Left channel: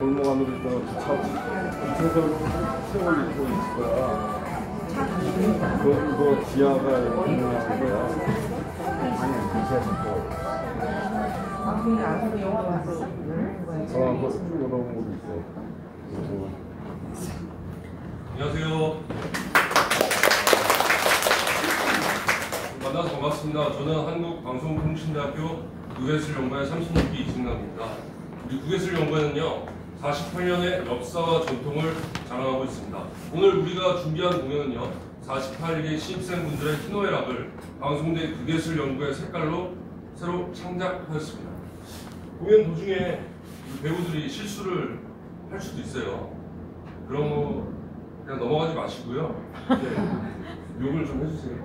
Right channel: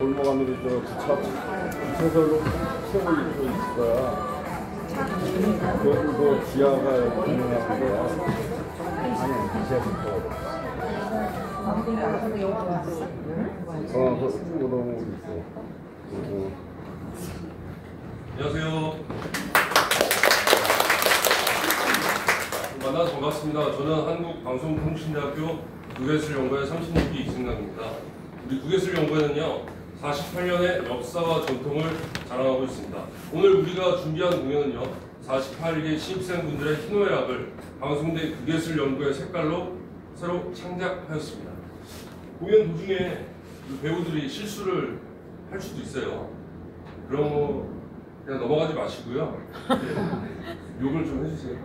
골목 안으로 있던 주차설로 세월 입고 있을 거야. 그거 지하가 유명한 거야. 아니, 지하 거. 아, 근데 아직도 여기 와서 열린 거야. 그거 넘어오고 있어. 그리고. 안녕하세요. 만나서 반갑습니다. 저는 한국방송통신대학교 국예술연구회 36기 이승남입니다. 우리 국예술연구회는요, 48년의 역사와 전통을 자랑하고 있습니다. 오늘 우리가 준비한 공연은요, 48기 신입생분들의 희노애락을 방송대 국예술연구회 색깔로 새로 창작하였습니다. 공연 도중에 배우들이 실수를 할 수도 있어요. 그런 거 그냥 넘어가지 마시고요. 네, 욕을 좀 해주세요.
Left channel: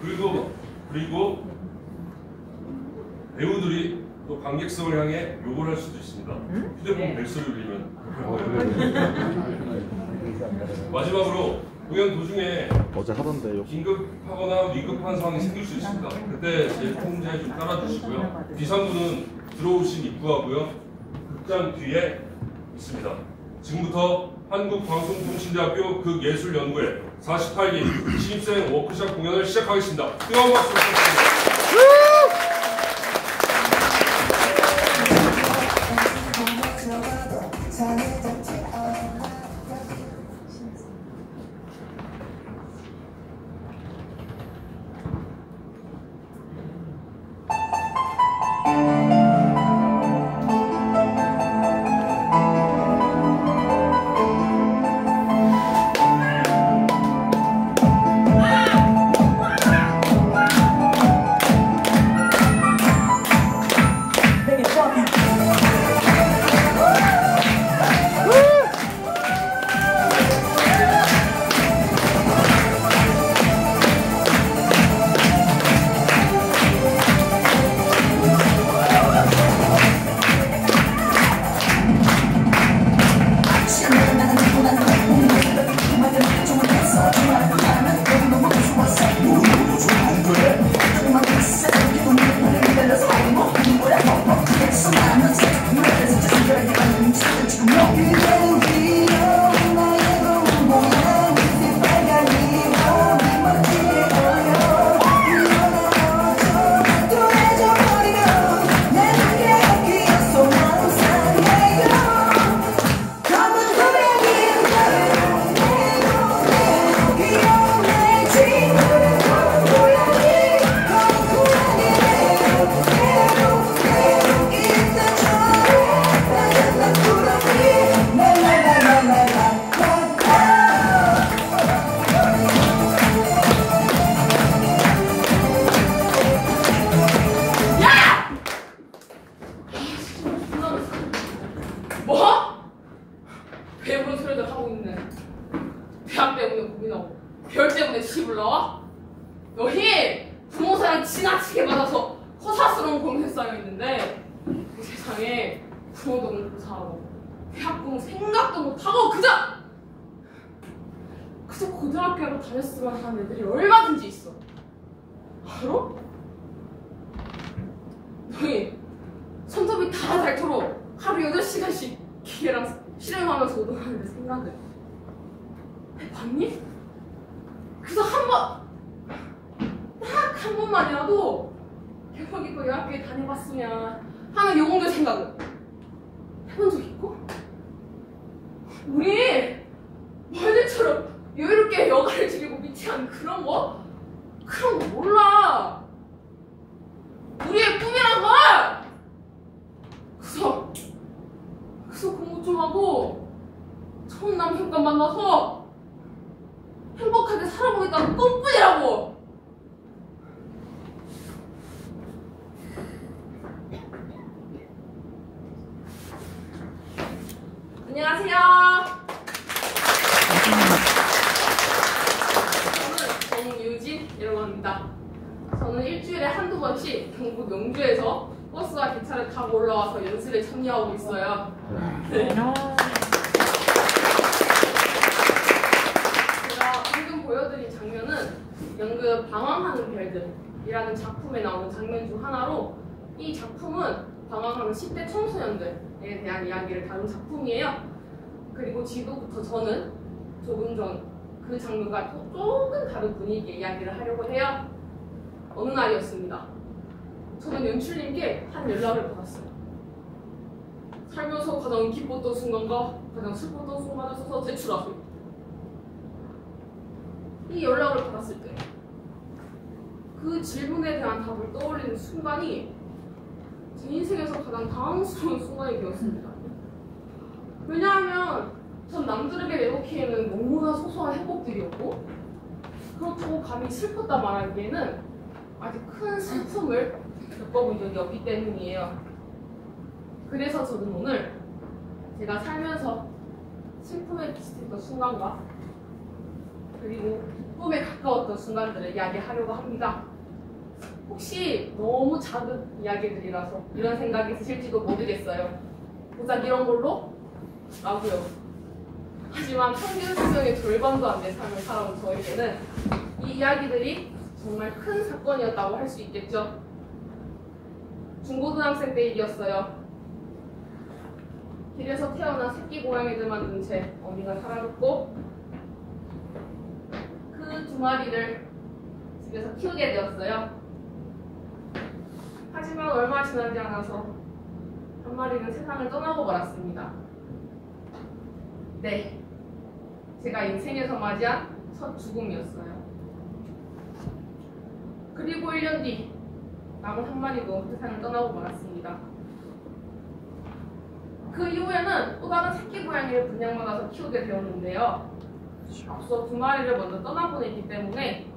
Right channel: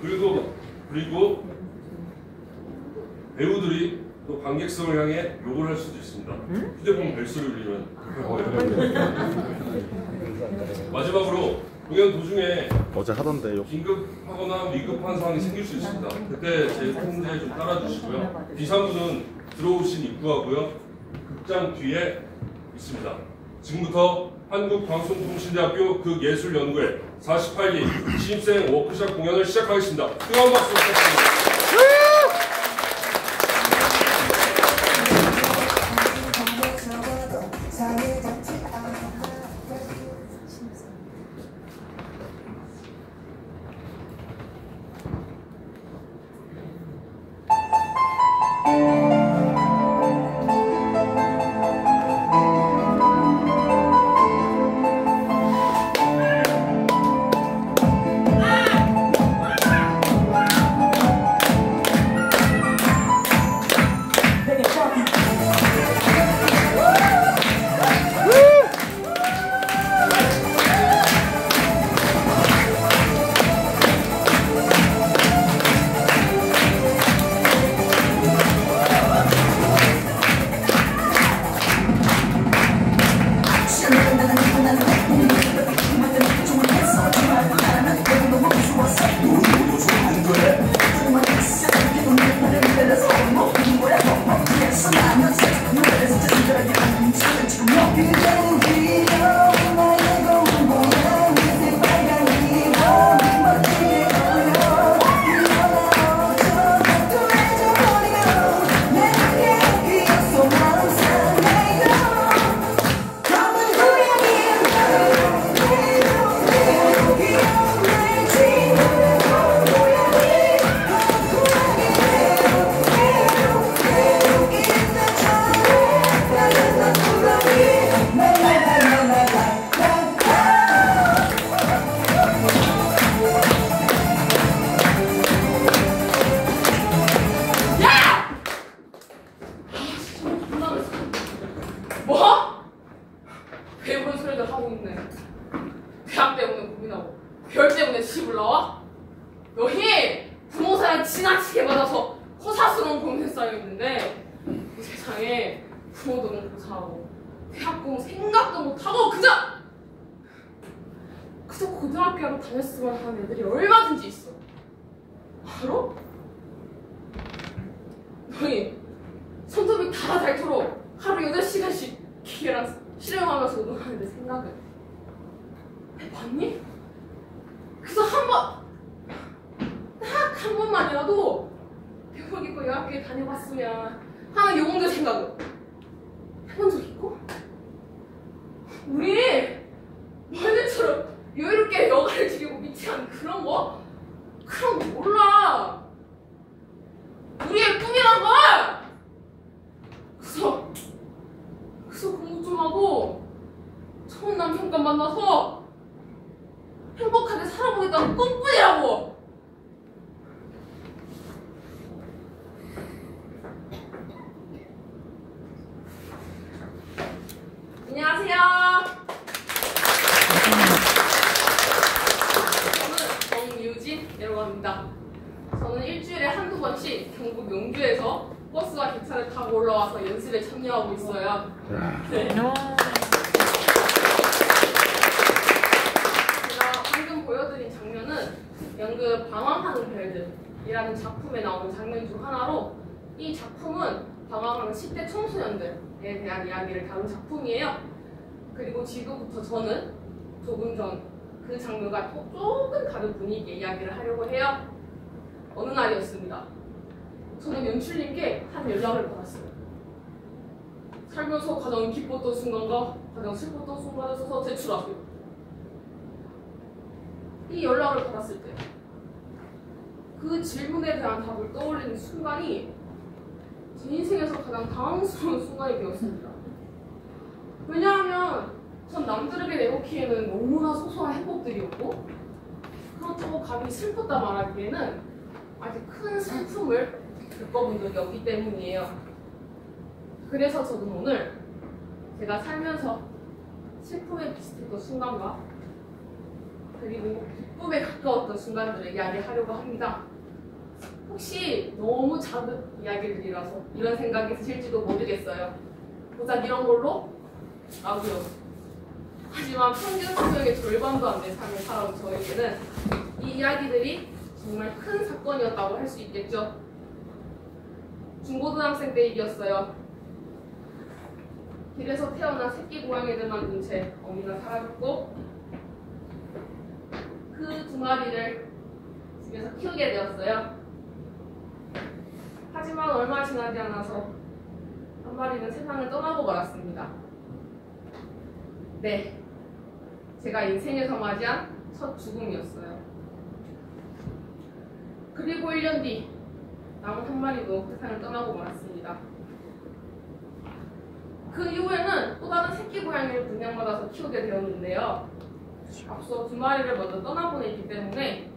그리고 배우들이 또 관객석을 향해 욕을 할 수도 있습니다. 휴대폰 벨소리 울리면 마지막으로 공연 도중에 어제 하던데요. 긴급하거나 위급한 상황이 생길 수 있습니다. 그때 제 통제에 좀 따라주시고요. D3부는 들어오신 입구하고요, 극장 뒤에 있습니다. 지금부터 한국방송통신대학교 극예술연구회 48기 신입생 워크숍 공연을 시작하겠습니다. 뜨거운 박수 부탁드립니다. 그저 고등학교로 다녔으면 하는 애들이 얼마든지 있어. 바로? 너희 손톱이 다 닳도록 하루 8시간씩 기계랑 실행하면서 노동하는 내 생각은 해봤니? 그래서 딱 한 번만이라도 대박이고 여학교에 다녀봤으면 하는 요공들 생각은 해본 적 있고? 우리 너희들처럼 여유롭게 여가를 즐기고 미치한 그런 거? 그런 거 몰라. 우리의 꿈이란 걸! 그래서 공부 좀 하고 좋은 남편과 만나서 행복하게 살아보겠다는 꿈뿐이라고! 안녕하세요. 저는 정유진이라고 합니다. 저는 일주일에 한두 번씩 경북 용주에서 버스와 기차를 타고 올라와서 연습에 참여하고 있어요. 네. 제가 방금 보여드린 장면은 연극 방황하는 별들이라는 작품에 나오는 장면 중 하나로, 이 작품은 방황하는 10대 청소년들에 대한 이야기를 다룬 작품이에요. 그리고 지금부터 저는 조금 전 그 장르가 또 조금 다른 분위기의 이야기를 하려고 해요. 어느 날이었습니다. 저는 연출님께 한 연락을 받았어요. 살면서 가장 기뻤던 순간과 가장 슬펐던 순간을 써서 제출하세요. 이 연락을 받았을 때 그 질문에 대한 답을 떠올리는 순간이 제 인생에서 가장 당황스러운 순간이 되었습니다. 왜냐하면 전 남들에게 내놓기에는 너무나 소소한 행복들이었고, 그렇다고 감히 슬펐다 말하기에는 아주 큰 슬픔을 겪어본 적이 없기 때문이에요. 그래서 저는 오늘 제가 살면서 슬픔에 비슷했던 순간과 그리고 기쁨에 가까웠던 순간들을 이야기하려고 합니다. 혹시 너무 작은 이야기들이라서 이런 생각이 드실지도 모르겠어요. 고작 이런 걸로? 라고요. 하지만 평균 수명의 절반도 안 된 삶을 살아온 저에게는 이 이야기들이 정말 큰 사건이었다고 할 수 있겠죠. 중고등학생 때 일이었어요. 길에서 태어난 새끼 고양이들만 둔 채 어미가 사라졌고, 그 두 마리를 집에서 키우게 되었어요. 하지만 얼마 지나지 않아서 한 마리는 세상을 떠나고 말았습니다. 네, 제가 인생에서 맞이한 첫 죽음이었어요. 그리고 1년 뒤 남은 한 마리도 세상을 떠나고 말았습니다. 그 이후에는 또 다른 새끼 고양이를 분양받아서 키우게 되었는데요. 앞서 두 마리를 먼저 떠나보냈기 때문에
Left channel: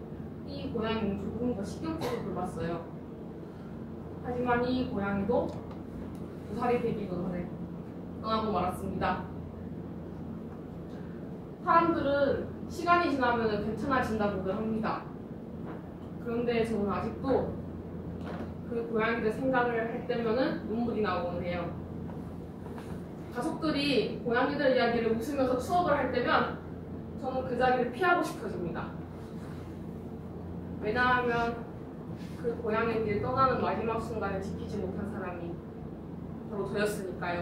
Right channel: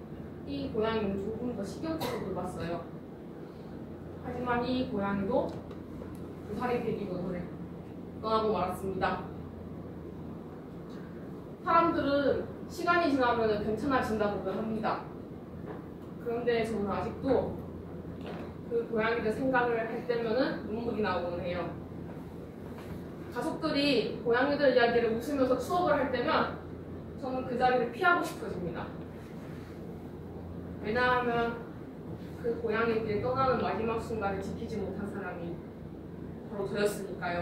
이 고양이는 조금 더 신경 써서 돌봤어요. 하지만 이 고양이도 2살이 되기도 전에 떠나고 말았습니다. 사람들은 시간이 지나면 괜찮아진다고들 합니다. 그런데 저는 아직도 그 고양이들 생각을 할 때면은 눈물이 나오곤 해요. 가족들이 고양이들 이야기를 웃으면서 추억을 할 때면 저는 그 자리를 피하고 싶어집니다. 왜냐하면 그 고양이들이 떠나는 마지막 순간을 지키지 못한 사람이 바로 저였으니까요.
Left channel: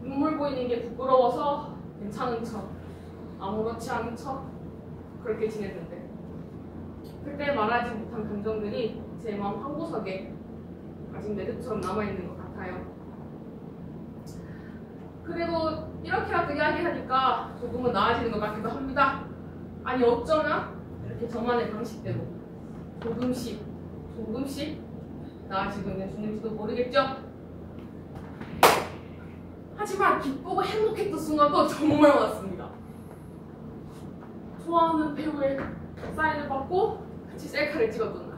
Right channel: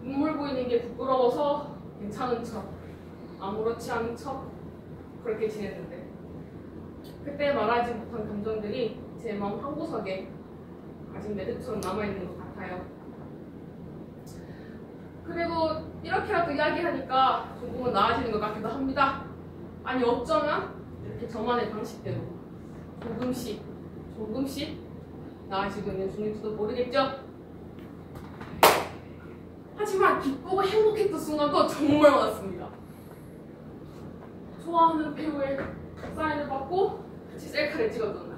눈물 보이는 게 부끄러워서 괜찮은 척, 아무렇지 않은 척 그렇게 지냈는데, 그때 말하지 못한 감정들이 제 마음 한구석에 아직 매듭처럼 남아있는 것 같아요. 그리고 이렇게라도 이야기하니까 조금은 나아지는 것 같기도 합니다. 아니 어쩌면 이렇게 저만의 방식대로 조금씩 나아지고 있는 중인지도 모르겠죠? 하지만 기쁘고 행복했던 순간도 정말 많았습니다. 좋아하는 배우의 사인을 받고 같이 셀카를 찍었던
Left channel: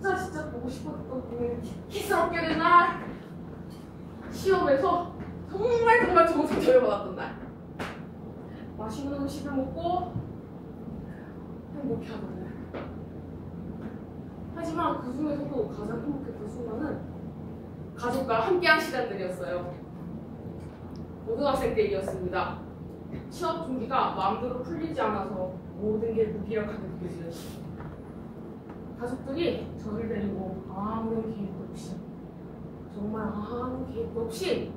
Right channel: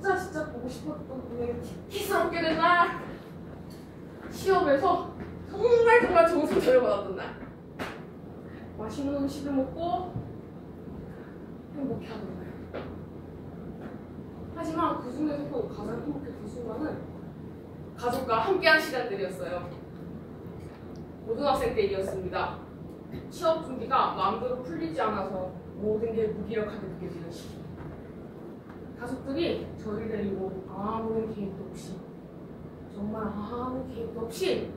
날, 진짜 보고 싶었던 분을 키스럽게 된 날, 시험에서 정말 좋은 성적을 받았던 날, 맛있는 음식을 먹고 행복해하던 날. 하지만 그 중에서도 가장 행복했던 순간은 가족과 함께한 시간들이었어요. 고등학생 때 일이었습니다. 취업 준비가 마음대로 풀리지 않아서 모든 게 무기력하게 느껴지는 시기. 가족들이 저를 데리고 아무런 계획도 없이, 정말 아무 계획도 없이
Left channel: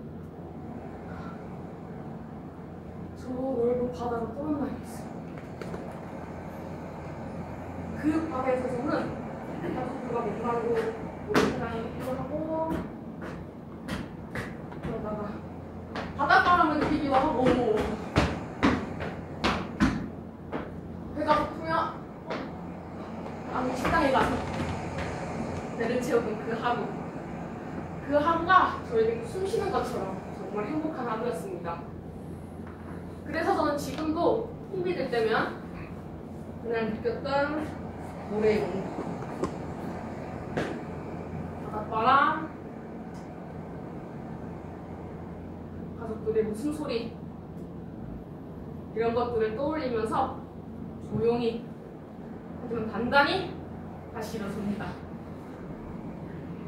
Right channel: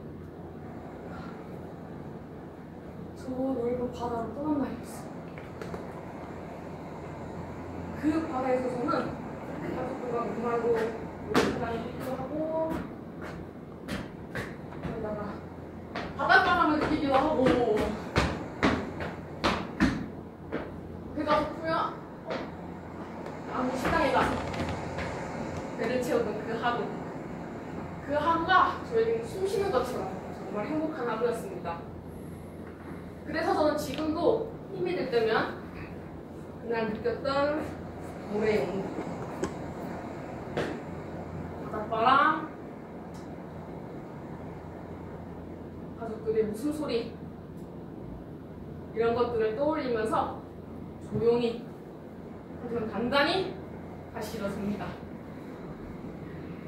저 넓은 바다로 떠난 날이었어요. 그 바다에서 저는 가족들과 목말고 오랜만에 놀기도 하고, 그러다가 바닷바람을 느끼기도 하고, 배가 고프면 아무 식당에 가서 배를 채우던 그 하루가 저에게 숨 쉬는 것처럼 정말 행복한 하루였습니다. 그래서 저는 지금도 힘이 들 때면 그날 느꼈던 노래의 온도, 바닷바람, 가족들의 웃음소리, 이런 것들을 떠올리면서 조용히 하지만 단단히 다시 일어섭니다.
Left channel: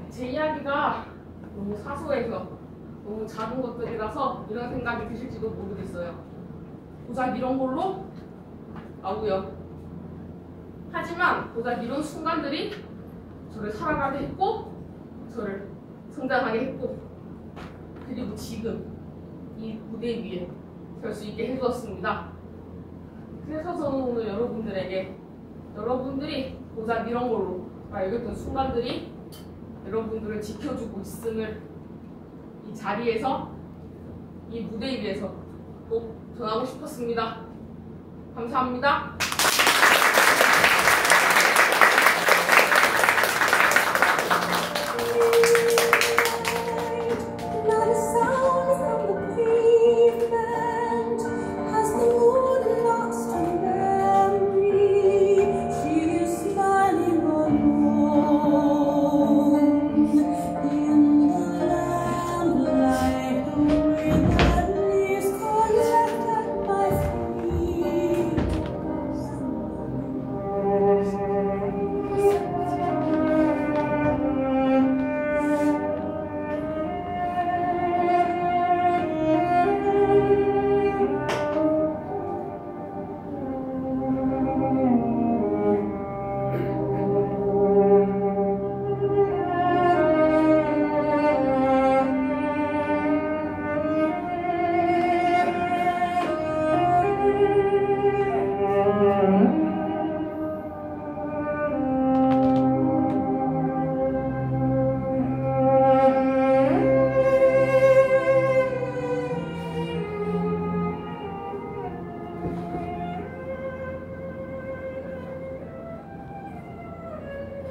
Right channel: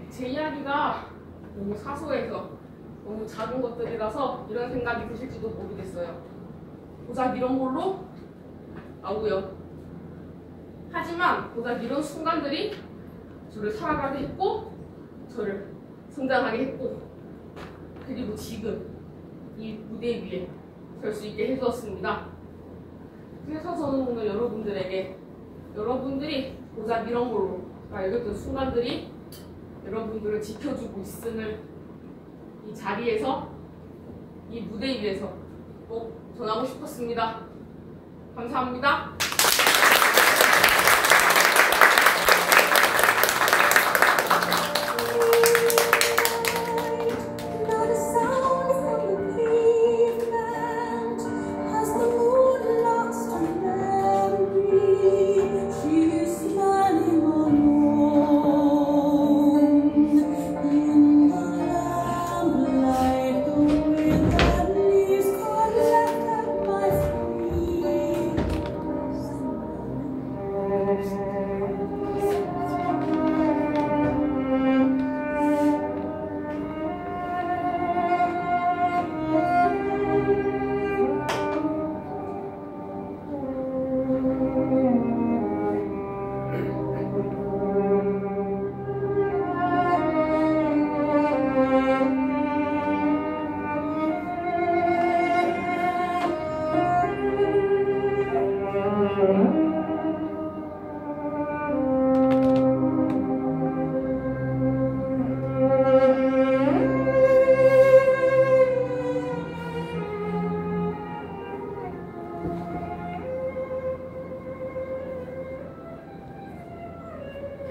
제 이야기가 너무 사소해서 너무 작은 것들이라서 이런 생각이 드실지도 모르겠어요. 고작 이런 걸로? 라고요. 하지만 고작 이런 순간들이 저를 살아가게 했고 저를 성장하게 했고, 그리고 지금 이 무대 위에 설 수 있게 해주었습니다. 그래서 저는 오늘 여러분들에게 여러분들이 고작 이런 걸로 여겼던 순간들이 여러분들을 지켜주고 있음을 이 자리에서, 이 무대 위에서 꼭 전하고 싶었습니다. 감사합니다.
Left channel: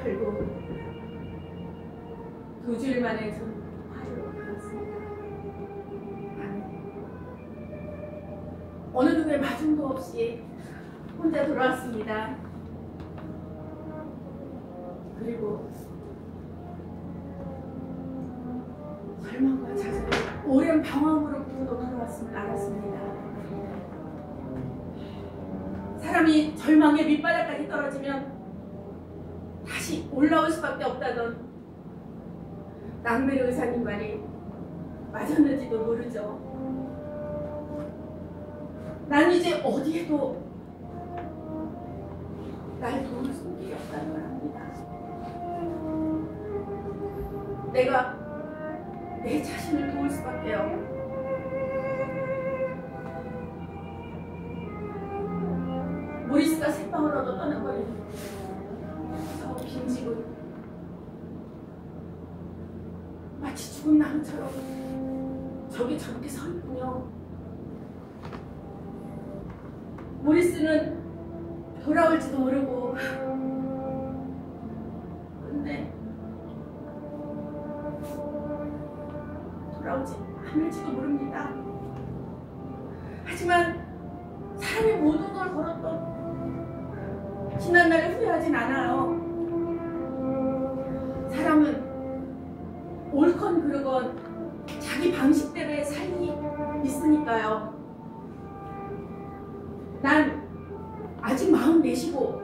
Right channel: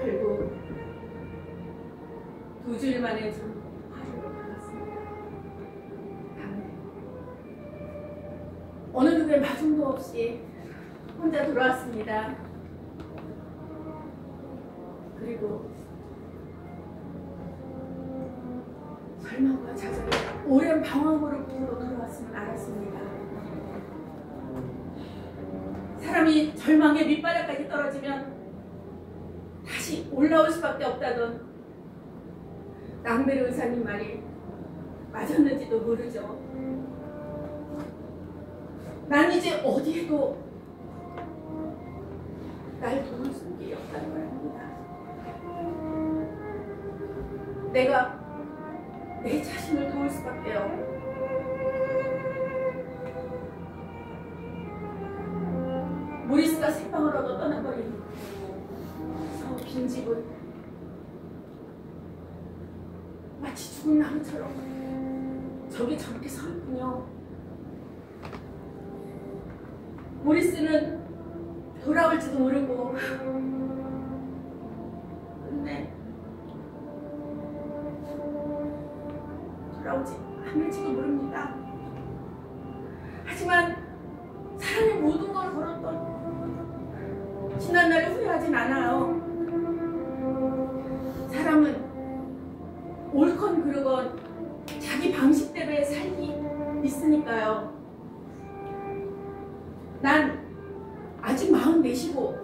결국 2주일 만에 좀 화를 받았습니다. 어느 누구의 마중도 없이 혼자 돌아왔습니다. 그리고 절망과 좌절에 오랜 방황으로부터 돌아왔음을 알았습니다. 사람이 절망의 밑바닥까지 떨어지면 다시 올라올 수밖에 없다던 낭베르 의사님 말이 맞았는지도 모르죠. 난 이제 어디에도 날 도울 손길이 없다는 걸 압니다. 내가 내 자신을 도울 수밖에요. 모리스가 생방을 얻어 떠나버린 저 빈집은 마치 죽은 나무처럼 저기 저렇게 서 있군요. 모리스는 돌아올지도 모르고 근데 돌아오지 않을지도 모릅니다. 하지만 사람의 모든 걸 걸었던 지난 날을 후회하진 않아요. 사람은 옳건 그르건 자기 방식대로의 삶이 있으니까요. 난 아직 44이고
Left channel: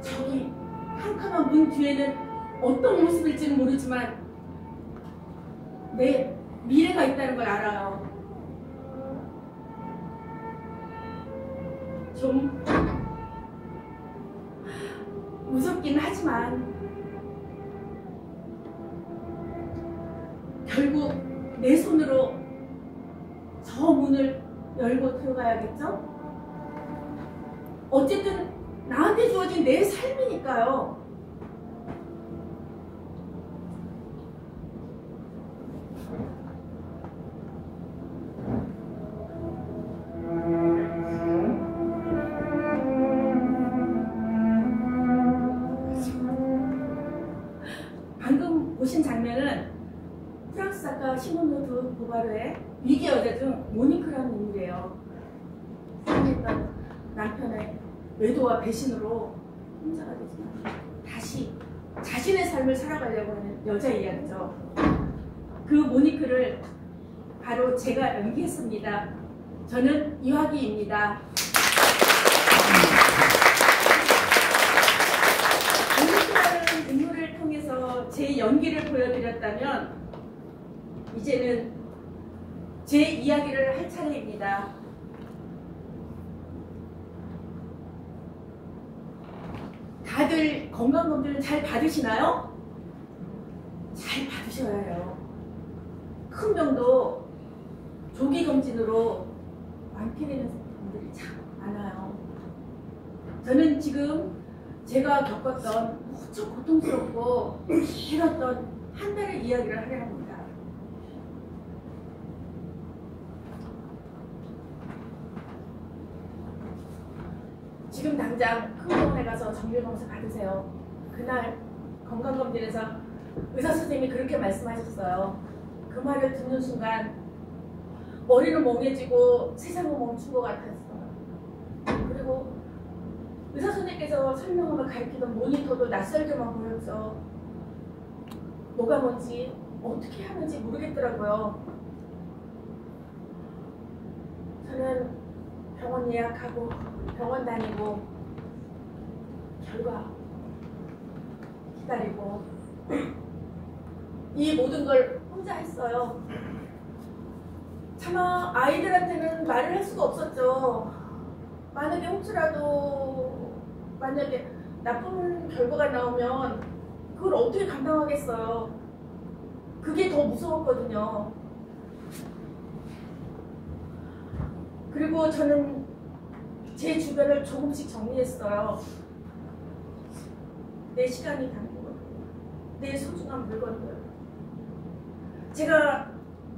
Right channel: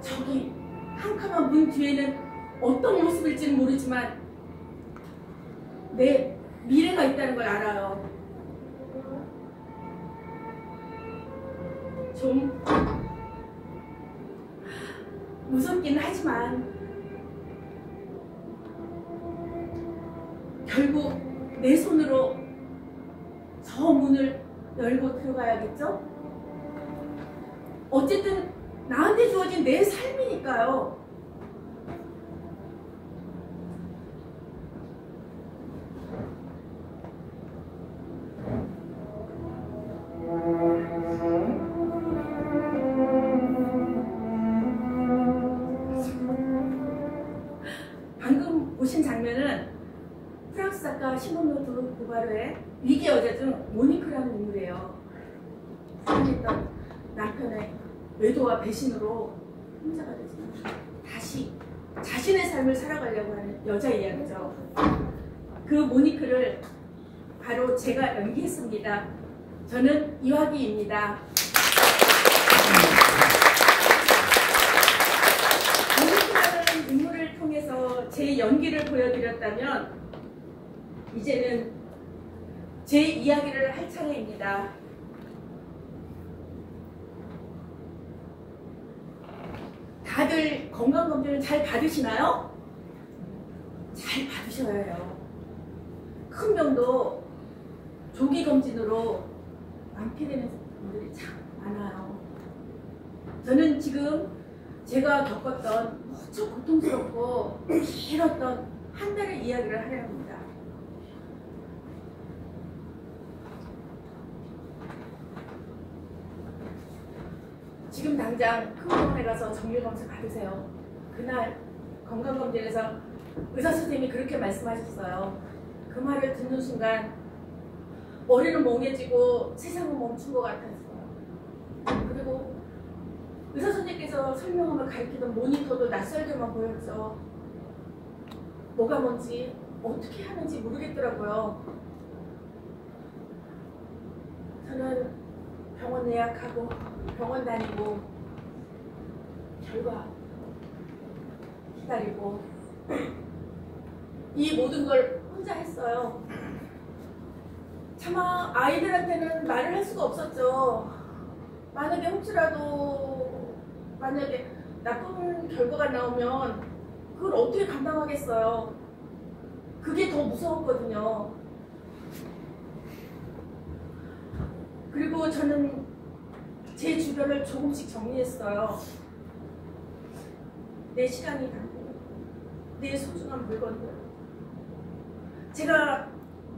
저기 캄캄한 문 뒤에는 어떤 모습일지는 모르지만 내 미래가 있다는 걸 알아요. 좀 무섭긴 하지만 결국 내 손으로 저 문을 열고 들어가야겠죠? 어쨌든 나한테 주어진 내 삶이니까요. 방금 보신 장면은 프랑스 작가 시몬 드 보바르의 위기 여자 중 모니크라는 인물이에요. 사랑했던 남편의 외도와 배신으로 혼자가 되지만 다시 자신의 삶을 살아가려고 하는 여자 이야기죠. 그 모니크를 바로 제가 연기했습니다. 저는 이화기입니다. 모니크라는 인물을 통해서 제 연기를 보여드렸다면 이제는 제 이야기를 할 차례입니다. 다들 건강검진을 잘 받으시나요? 잘 받으셔야 해요. 큰 병도 조기 검진으로 완쾌되는 분들이 참 많아요. 저는 지금 제가 겪었던 무척 고통스럽고 길었던 한 달의 이야기를 하려 합니다. 지금 당장 큰 병원에 가서 정밀검사 받으세요. 그날 건강검진에서 의사 선생님이 그렇게 말씀하셨어요. 그 말을 듣는 순간 머리는 멍해지고 세상은 멈춘 것 같았어요. 그리고 의사 선생님께서 설명하며 가리키던 모니터도 낯설게만 보였죠. 뭐가 뭔지 어떻게 하는지 모르겠더라고요. 저는 병원 예약하고 병원 다니고 결과 기다리고 이 모든 걸 혼자 했어요. 차마 아이들한테는 말을 할 수가 없었죠. 만약에 혹시라도 나쁜 결과가 나오면 그걸 어떻게 감당하겠어요. 그게 더 무서웠거든요. 그리고 저는 제 주변을 조금씩 정리했어요. 내 시간이 담고 내 소중한 물건들.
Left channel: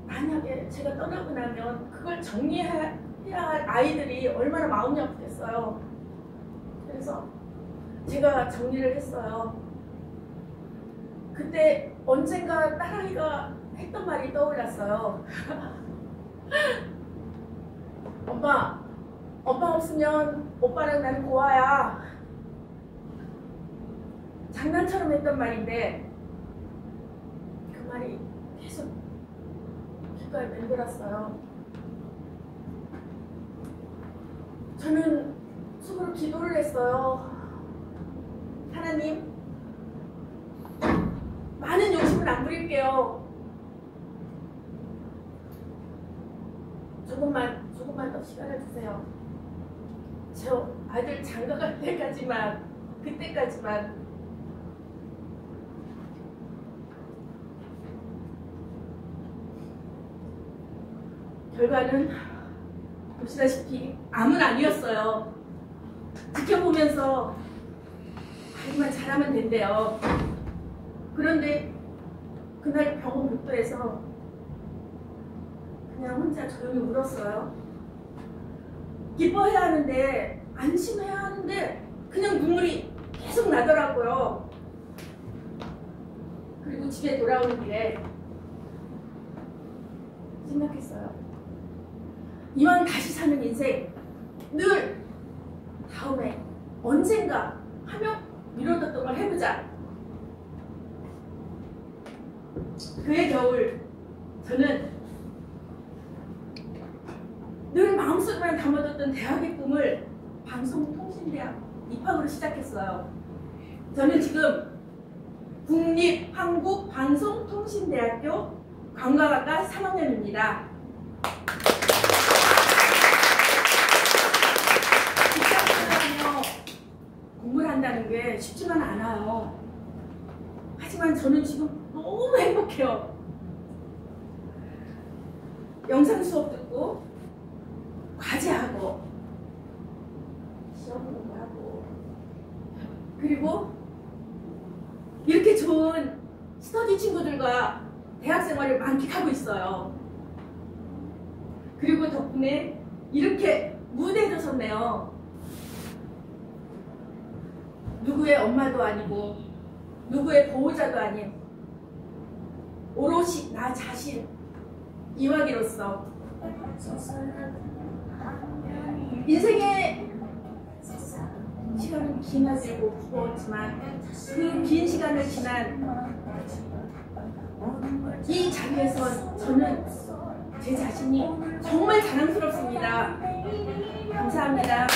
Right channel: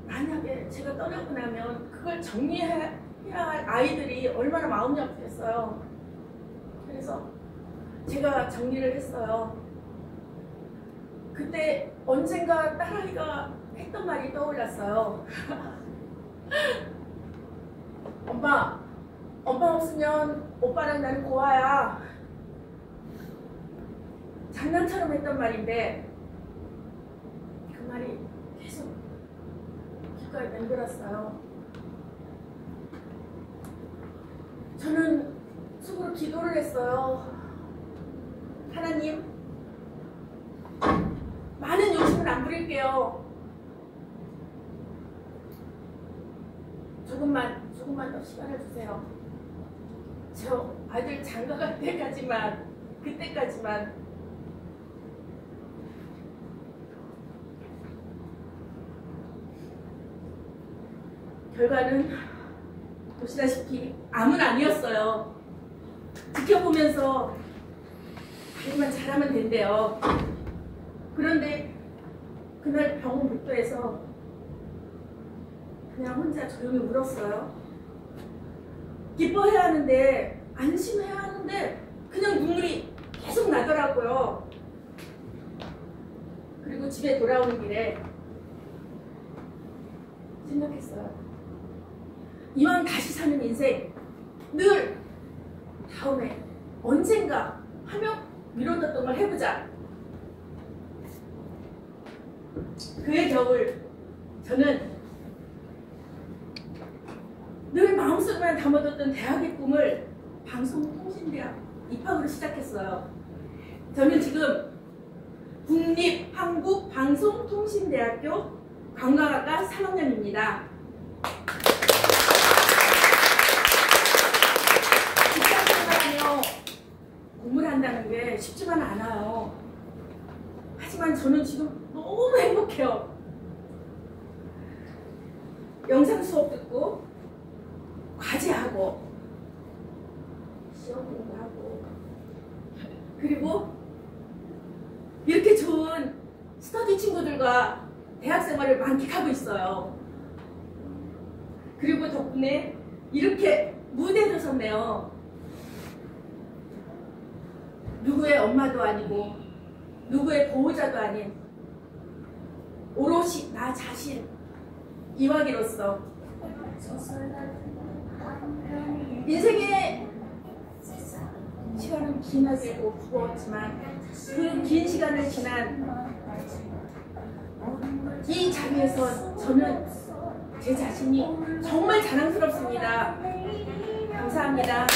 만약에 제가 떠나고 나면 그걸 정리해야 할 아이들이 얼마나 마음이 아프겠어요. 그래서 제가 정리를 했어요. 그때 언젠가 딸아이가 했던 말이 떠올랐어요. 엄마 없으면 오빠랑 나는 고아야. 장난처럼 했던 말인데 그 말이 계속 귓가에 맴돌았어요. 저는 속으로 기도를 했어요. 하나님, 많은 욕심은 안 부릴게요. 조금만 더 시간을 주세요. 저 아들 장가갈 그때까지만 결과는 보시다시피 암은 아니었어요. 지켜보면서 관리만 잘하면 된대요. 그런데 그날 병원 복도에서 그냥 혼자 조용히 울었어요. 기뻐해야 하는데 안심해야 하는데 그냥 눈물이 계속 나더라고요. 그리고 집에 돌아오는 길에 생각했어요. 이왕 다시 사는 인생 늘 다음에 언젠가 하며 미뤄뒀던 걸 해보자. 그해 겨울 저는 늘 마음속에만 담아뒀던 대학의 꿈을 방송통신대학 입학으로 시작했어요. 저는 지금 국립한국방송통신대학교 관광학과 3학년입니다. 직장생활하며 공부를 한다는 게 쉽지만 않아요. 하지만 저는 지금 너무 행복해요. 영상 수업 듣고 과제하고 시험 공부하고 그리고 이렇게 좋은 스터디 친구들과 대학 생활을 만끽하고 있어요. 그리고 덕분에 이렇게 무대에도 섰네요. 누구의 엄마도 아니고 누구의 보호자도 아닌 오롯이 나 자신 이화기로서 인생의 시간은 기나들고 무거웠지만 그 긴 시간을 지난 이 자리에서 저는 제 자신이 정말 자랑스럽습니다. 감사합니다.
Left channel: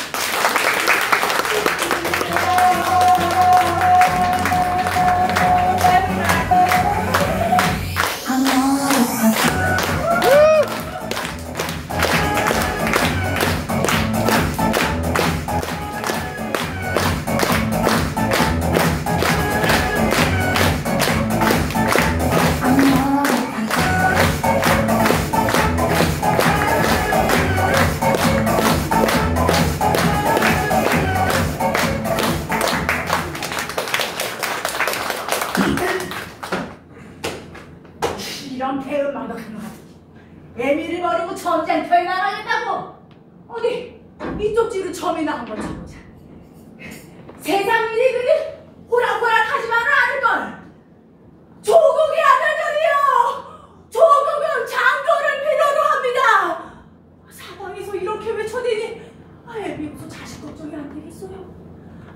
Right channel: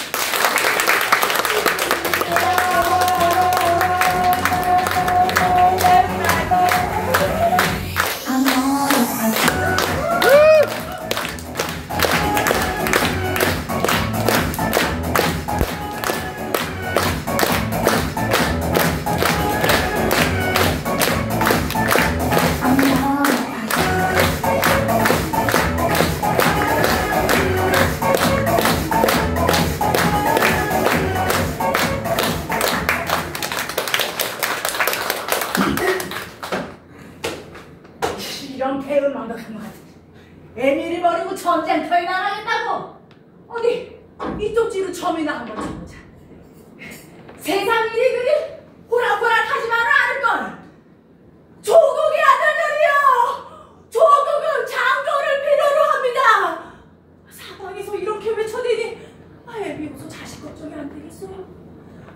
이런 개음망덕한 것 같은데 애미를 버리고 전쟁터에 나가겠다고. 어디 이쪽 뒤로 점이나 한번 쳐보자. 세상 일이 그리 호락호락하지만은 않을걸. 조국의 아들들이여, 조국은 장교를 필요로 합니다. 사방에서 이렇게 외쳐대니 애미 무슨 자식 걱정이 안 되겠어요?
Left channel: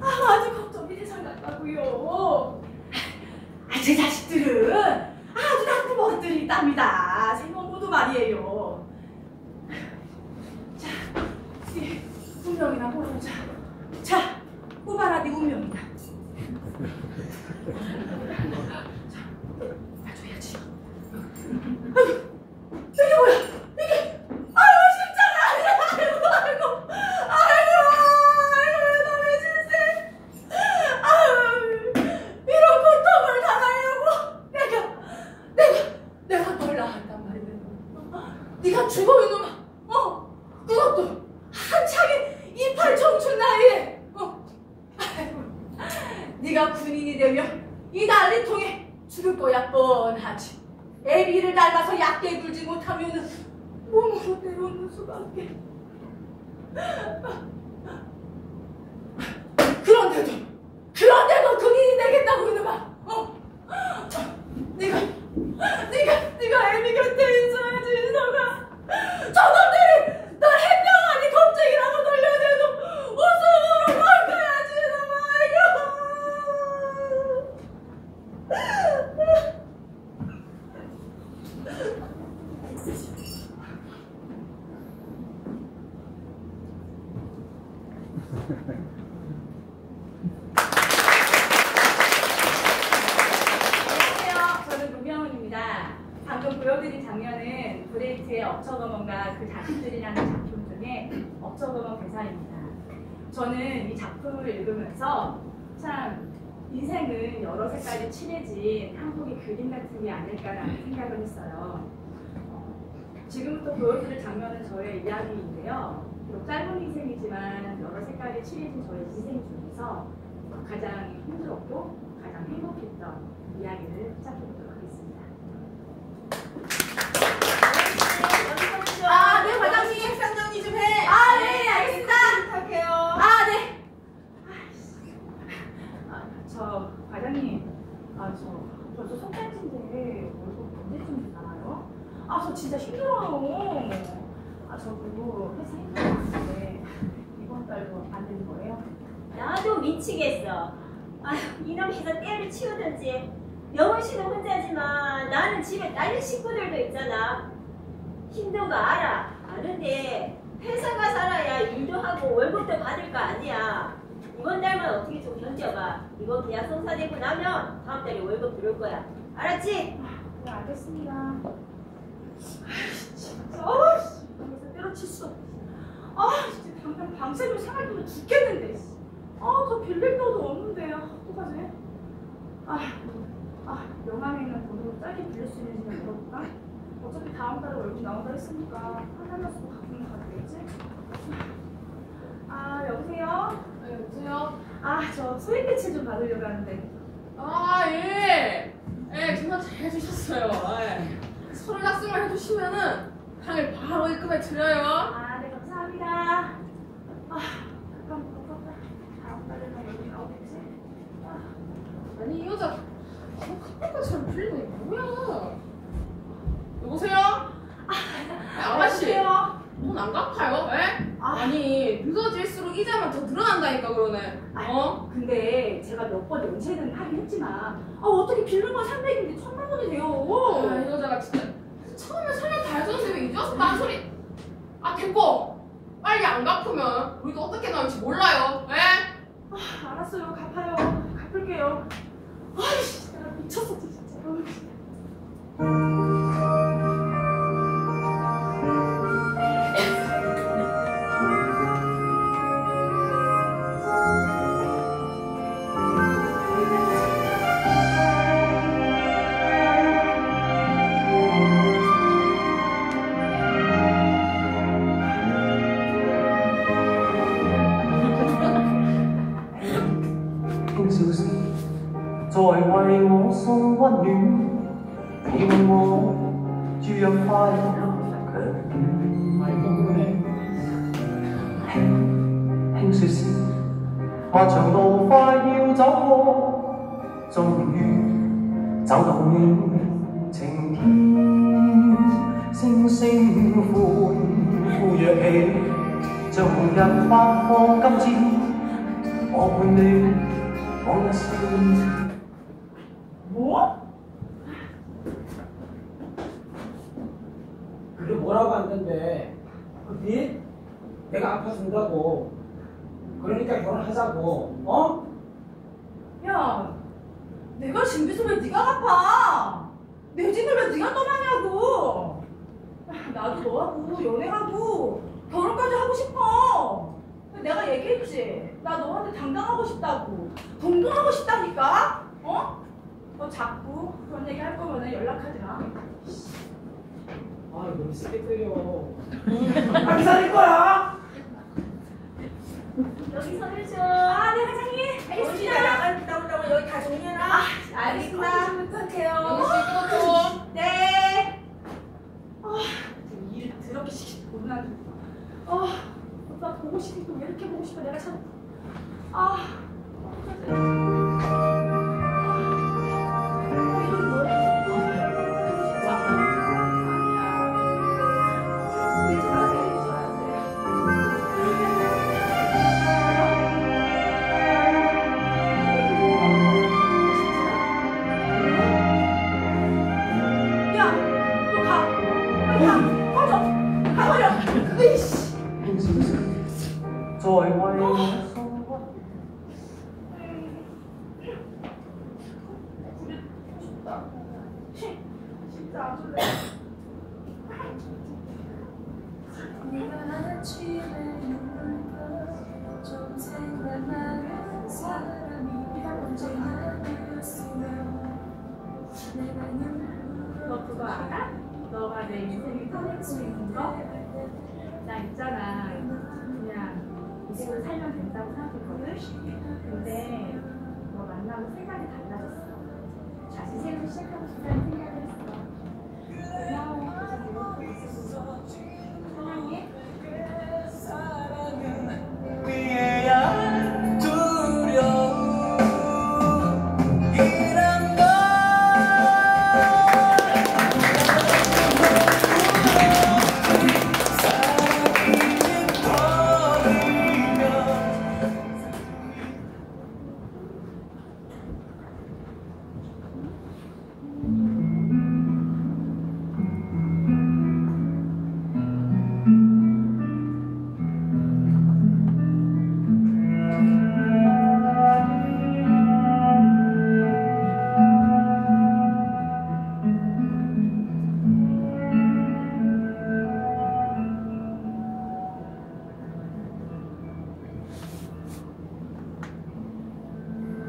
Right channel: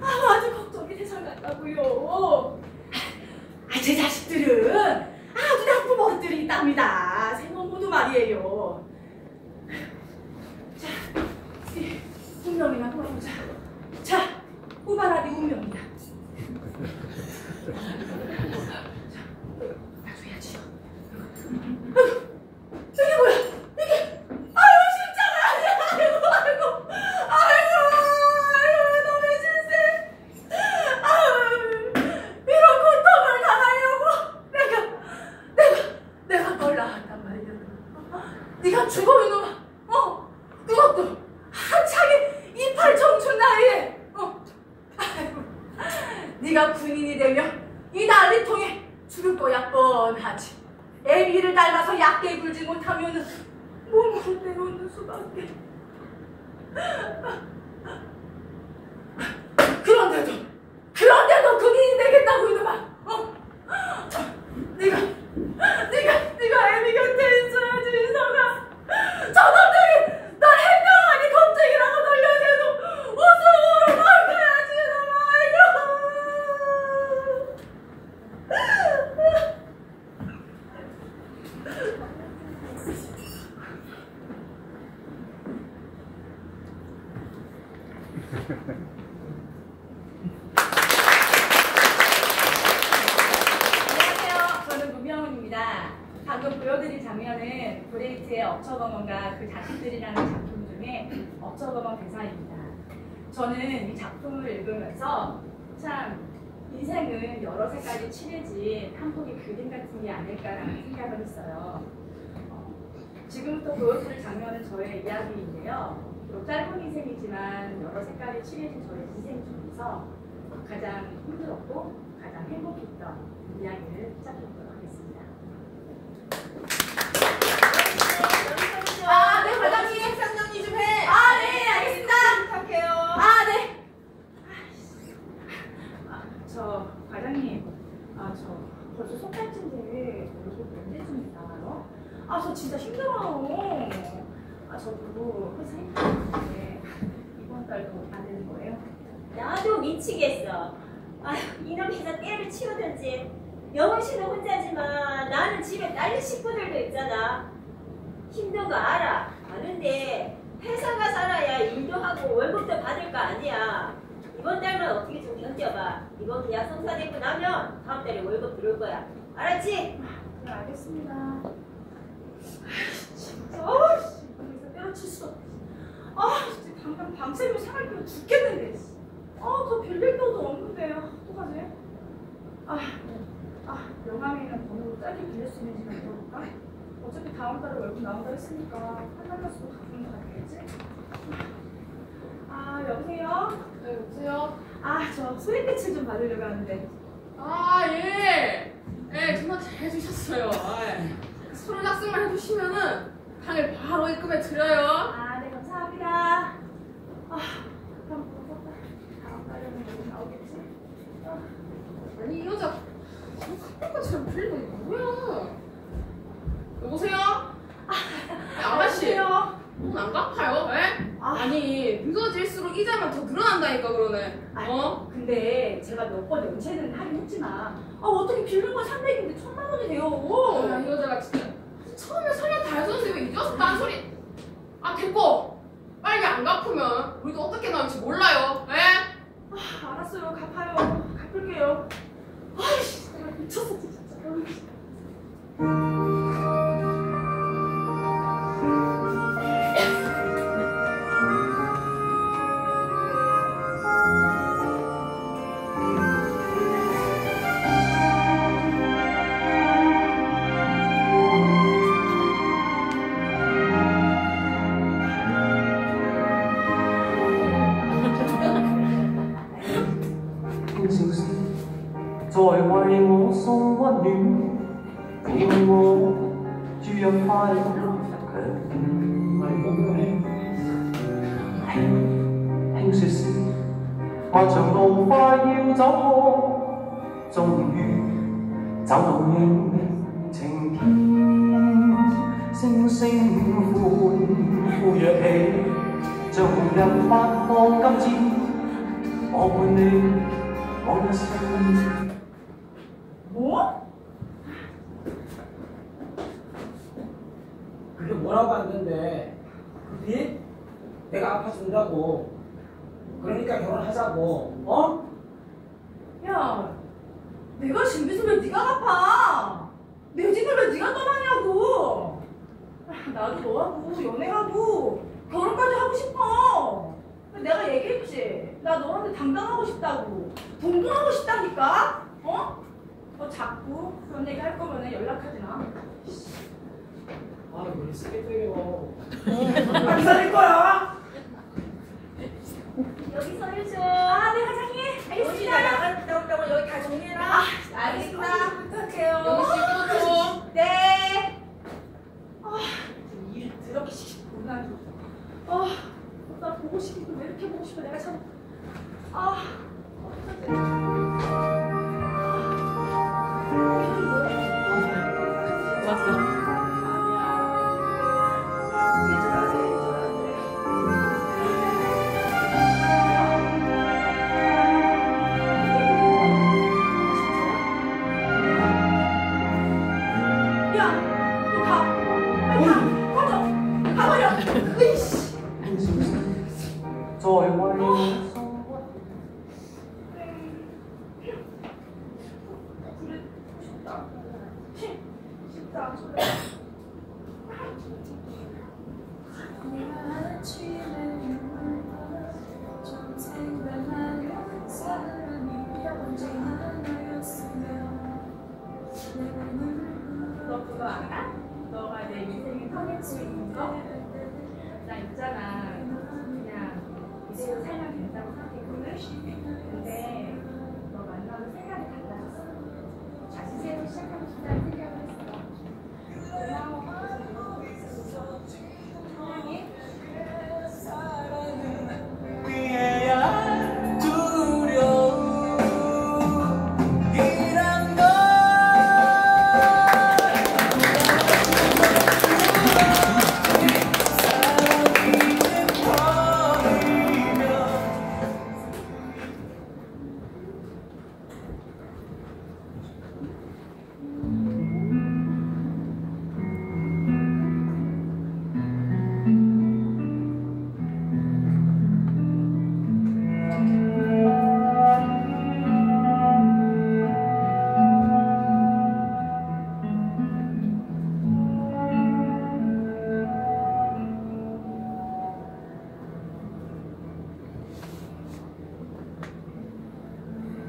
아주 걱정이 대상 같다고요. 제 자식들은 아주 나쁜 버릇들이 있답니다. 생모도 말이에요. 자, 운명이나 보여보자. 자, 꼬바라디 운명이다. 놔줘야지. 이게 뭐야? 이게 아유 진짜가 아이고 왜 너네 진세? 아유 이런 고통을 당하려고 내가 널 낳았단 말이야. 네가 죽어 이놈아. 그것도 한창의 이팔 청춘 나이에. 아이고, 네가 군인이 되면 이 난리통에 죽을 거야 뻔하지. 애비를 닮아서 약게 굴지 못하면 몸으로 내려오는 수밖에. 그런데도 군인이 되겠다고 이놈아. 네가 애비 곁에 있어야지 이성아. 저놈들이 널 해병아니 겁쟁이라고 놀려대도 웃음으로 넘겨야지 이놈아. 안녕하세요. 저는 노병훈입니다. 방금 보여드린 장면은 브레이트의 억척어먼과 그 자식들이라는 작품 중에 억척어먼 대사입니다. 저는 이 작품을 읽으면서 참 인생은 여러 색깔이 칠해진 한 폭의 그림 같은 게 아닐까라는 생각을 했어요. 지금부터 보여드릴 장면은 저의 이야기인데요. 비록 짧은 인생이지만 여러 색깔이 칠해진 저의 인생 중에서 가장 힘들었고 가장 행복했던 이야기를 시작해보도록 하겠습니다. 네, 과장님. 식사 정리 좀 해. 네, 알겠습니다. 부탁해요. 네. 저 과장님, 저 벌써 석 달째인데 월급 언제쯤 나와요? 저 진짜 힘들어요. 저 그리고 회사 힘들었는데 이번 달도 안 되는 거예요? 나도 미치겠어. 이놈 회사 때를 치우든지. 영원 씨는 혼자지만 나는 집에 딸린 식구들도 있잖아. 힘든 거 알아. 아는데 회사가 살아야 일도 하고 월급도 받을 거 아니야. 이번 달만 어떻게 좀 견뎌봐. 이번 계약 성사되고 나면 다음 달에 월급 들어올 거야. 알았지? 네, 알겠습니다. 진짜 회사 때려칠 수도 없어. 진짜 당장 밤새면 생활비면 죽겠는데. 더 빌릴 돈도 없는데. 어떡하지? 명함에 있는 번호로 짧게 빌릴 수 있는지 물어볼까? 어차피 다음 달에 월급 나온다 했으니까 한달만 쓰고 갚으면 다 되겠지? 여보세요? 네, 여보세요? 저 소액 대출 좀 받으려고 하는데. 예, 전화 잘 해주셨어요. 서류 작성만 해주시면은 당일 바로 입금해 드려요. 네, 감사합니다. 그럼 그것도 다음 달에는 월급 나오겠지? 아니 이 여자 카페 것처럼 빌리고 이게 뭐야? 여보세요? 아가씨 돈 안 갚아요? 에? 아니 늦어질수록 이자만 더 늘어난다니까 그러네. 근데 제가 몇 번 연체는 하긴 했지만 어떻게 빌린 건 300인데 1000만 원이 돼요. 이 여자가 진짜 처음에 설명 다 해줬는데 왜 이제 와서 딴소리. 됐고 빨리 안 갚으면 우리도 어떻게 나올지 몰라요. 에? 알았어요. 갚아요. 갚을게요. 내가 미쳤어 진짜. 若快樂輕說時，漫長路快要走過，終於走到你晴天，星星歡呼躍起，像紅日發放金箭，我伴你往一生。 뭐? 그게 뭐라고 안 된대. 그 빚? 내가 갚아준다고. 그러니까 결혼하자고. 어? 야, 내가 진 빚을 왜 네가 갚아? 내 집을 왜 네가 떠나냐고. 나도 너하고 연애하고 결혼까지 하고 싶어. 내가 얘기했지. 나 너한테 당당하고 싶다고. 동등하고 싶다니까. 어? 너 자꾸 그런 얘기 할 거면 연락하지 마. 아, 왜 스케줄이요? 빨리 살릴 거야! 여기 서류 줘. 아, 네, 과장님. 알겠습니다. 나갔다 온다고 여기 다 정리해놔. 알겠습니다. 부탁해요. 여기 씨 이거 좀. 네. 일 더럽게 시키고 나. 나 보고 싶고 왜 이렇게 보고 싶어? 내가 참. 너 그거 알아? 너가 내 인생의 터닝포인트인 거? 나 있잖아. 그냥 이대로 살면 된다고 생각했거든? 근데 너 만나고 생각이 달라졌어. 다시 새로 시작하고 싶다는 생각을 했어. 고마워. 사랑해.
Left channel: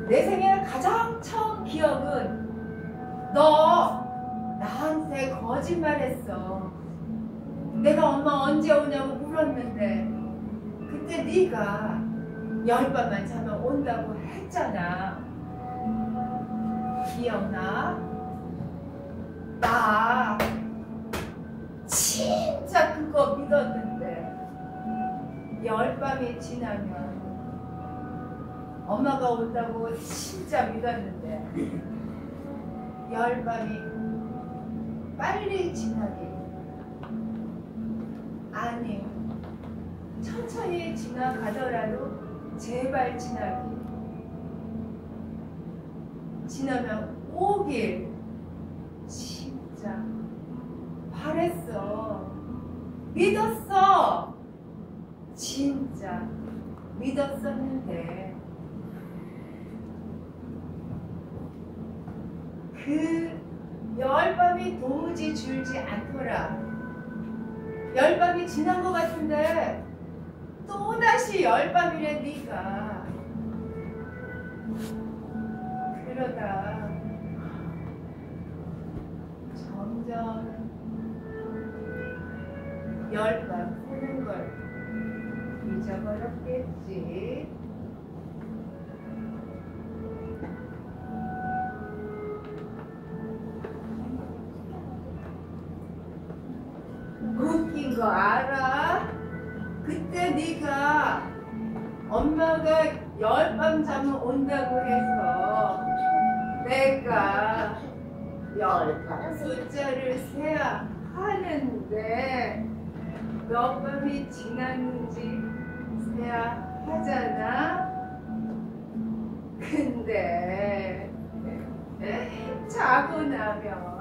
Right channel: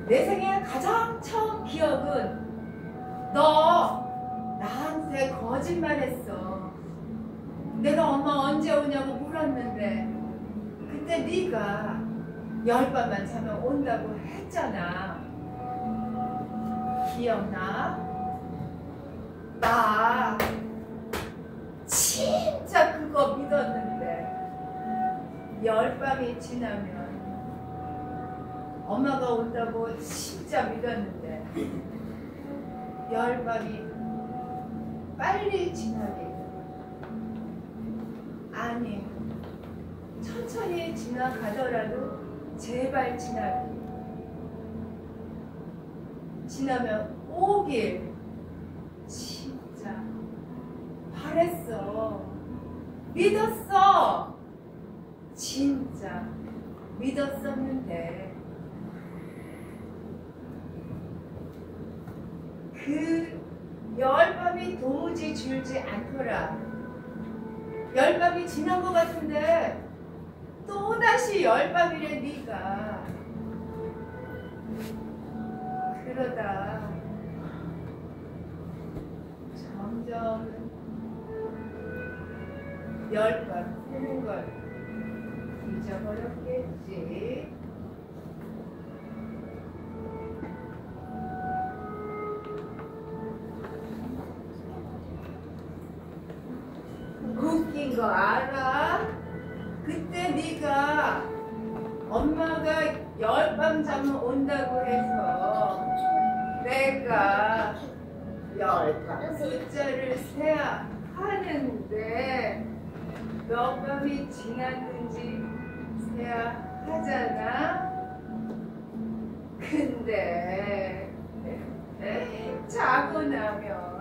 내 생애 가장 처음 기억은 너 나한테 거짓말했어. 내가 엄마 언제 오냐고 물었는데 그때 네가 10밤만 자면 온다고 했잖아. 기억나? 나 진짜 그거 믿었는데 10밤이 지나면 엄마가 온다고 진짜 믿었는데 10밤이 빨리 지나길, 아니 천천히 지나가더라도 제발 지나길, 지나면 오길 진짜 바랬어. 믿었어. 진짜 믿었었는데 그 10밤이 도무지 줄지 않더라. 10밤이 지난 것 같은데 또다시 10밤이래 네가. 그러다 점점 10밤 새는 걸 잊어버렸겠지. 이거 알아? 그때 네가 엄마가 열밤 자면 온다고 해서 내가 열밤 숫자를 세야 하는데 몇 밤이 지났는지 세야 하잖아. 근데 자고 나면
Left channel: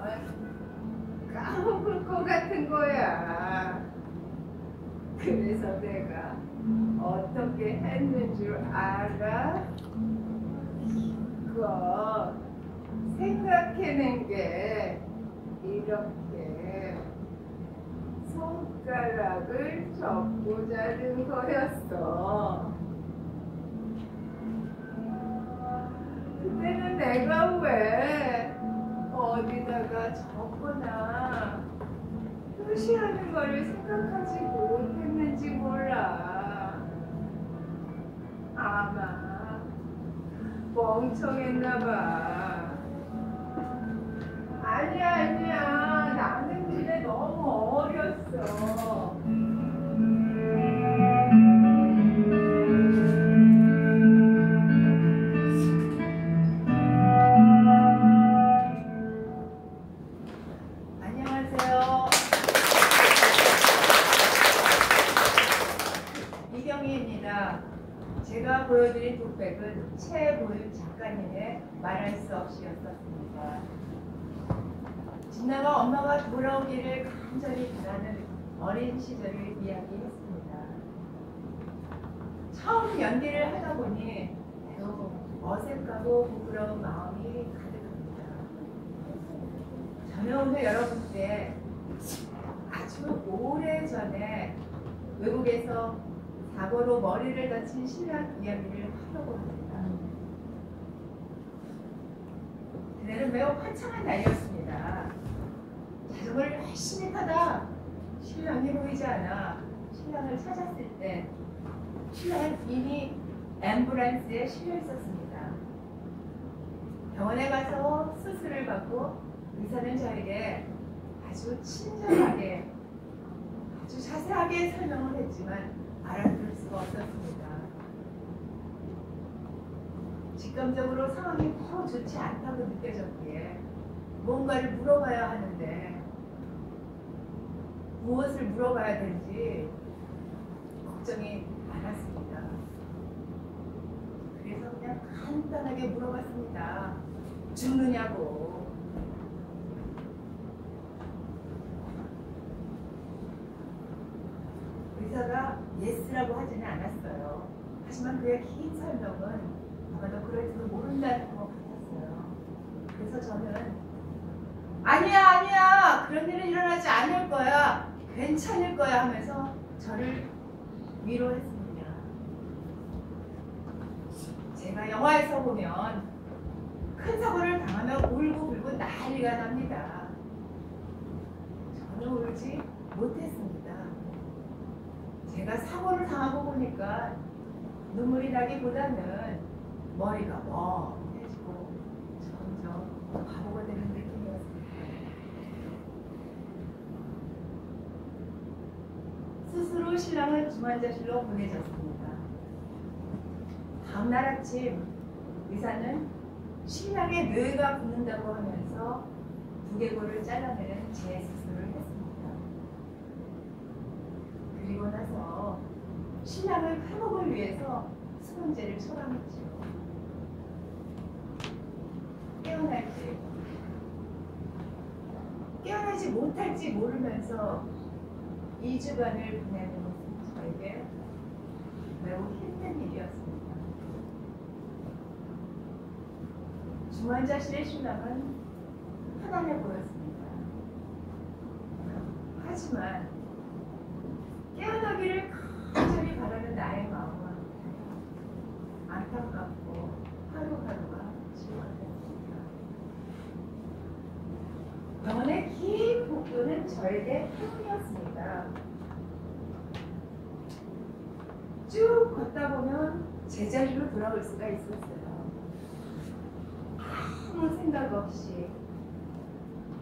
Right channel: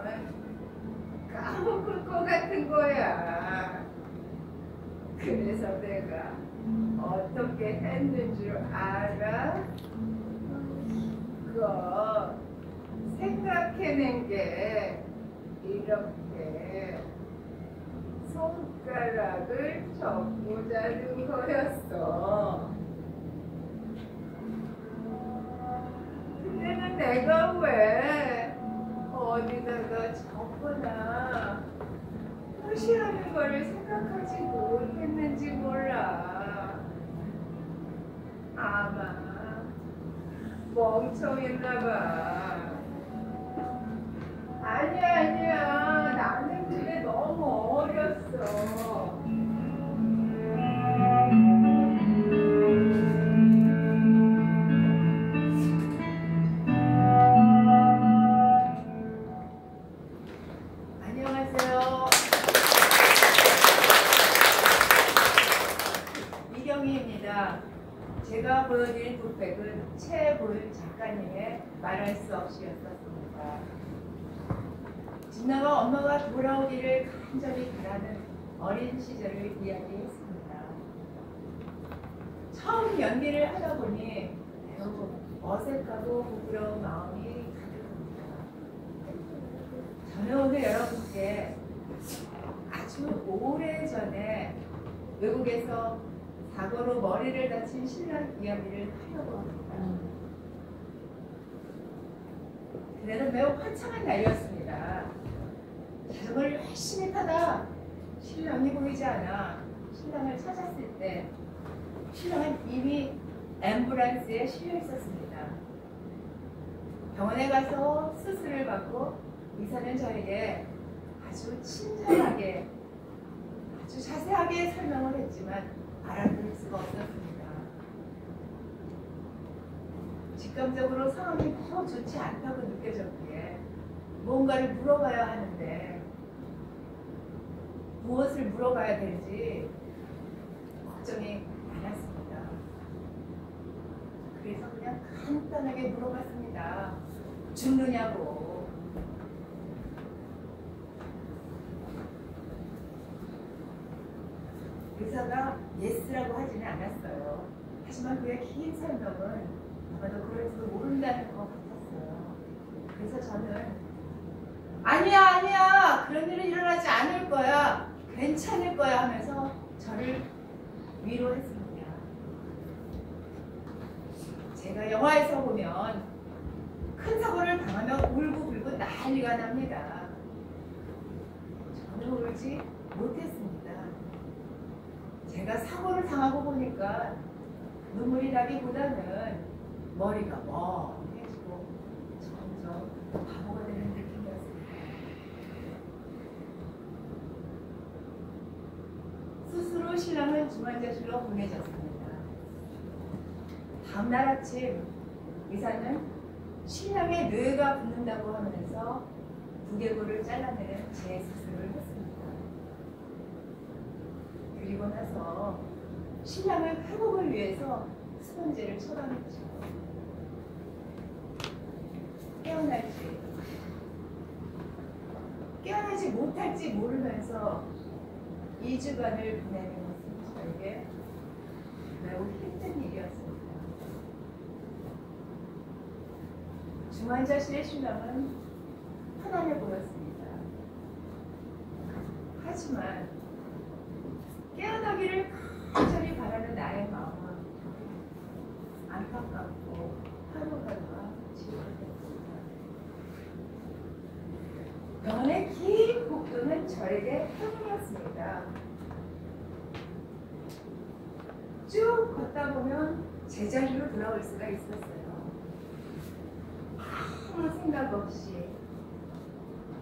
까먹을 것 같은 거야. 그래서 내가 어떻게 했는 줄 알아? 그거 생각해낸 게 이렇게 손가락을 접고 자른 거였어. 그때는 내가 왜 어디다가 적거나 표시하는 거를 생각하지 못했는지 몰라. 아마 멍청했나 봐. 아니야. 나는 그때 너무 어렸어. 안녕하세요. 이경희입니다. 제가 보여드린 독백은 최보윤 작가님의 말할 수 없이였었습니다. 진나가 엄마가 돌아오기를 간절히 바라는 어린 시절을 이야기했습니다. 처음 연기를 하다 보니 매우 어색하고 부끄러운 마음이 가득합니다. 저는 오늘 여러분께 아주 오래전에 외국에서 사고로 머리를 다친 신랑 이야기를 하려고 합니다. 그날은 매우 화창한 날이었습니다. 자전거를 열심히 타다 신랑이 보이지 않아 신랑을 찾았을 때 신랑은 이미 앰뷸런스에 실려 있었습니다. 병원에 가서 수술을 받고 의사는 저에게 아주 친절하게 아주 자세하게 설명을 했지만 알아들을 수가 없었습니다. 직감적으로 상황이 더 좋지 않다고 느껴졌기에 뭔가를 물어봐야 하는데 무엇을 물어봐야 될지 걱정이 많았습니다. 그래서 그냥 간단하게 물어봤습니다. 죽느냐고. 의사가 예스라고 하지는 않았어요. 하지만 그의 긴 설명은 아마도 그럴지도 모른다는 것 같았어요. 그래서 저는 아니야 그런 일은 일어나지 않을 거야, 괜찮을 거야 하면서 저를 위로했습니다. 제가 영화에서 보면 큰 사고를 당하면 울고불고 난리가 납니다. 저는 울지 못했습니다. 제가 사고를 당하고 보니까 눈물이 나기보다는 머리가 멍해지고 점점 바보가 되는 느낌이었습니다. 스스로 신랑은 중환자실로 보내졌습니다. 다음날 아침 의사는 신랑의 뇌가 붓는다고 하면서 두개골을 잘라내는 재수술을 했습니다. 그리고 나서 신랑의 회복을 위해서 수분제를 처방했죠. 깨어나지 못할지 모르면서 2주간을 보내는 것은 저에게 매우 힘든 일이었습니다. 중환자실의 신랑은 편안해 보였습니다. 하지만 깨어나기를 간절히 바라는 나의 마음은 안타깝고 하루하루가 지루했습니다. 병원의 긴 복도는 저에게 행운이었습니다. 쭉 걷다 보면 제자리로 돌아올 수가 있었어요. 아무 생각 없이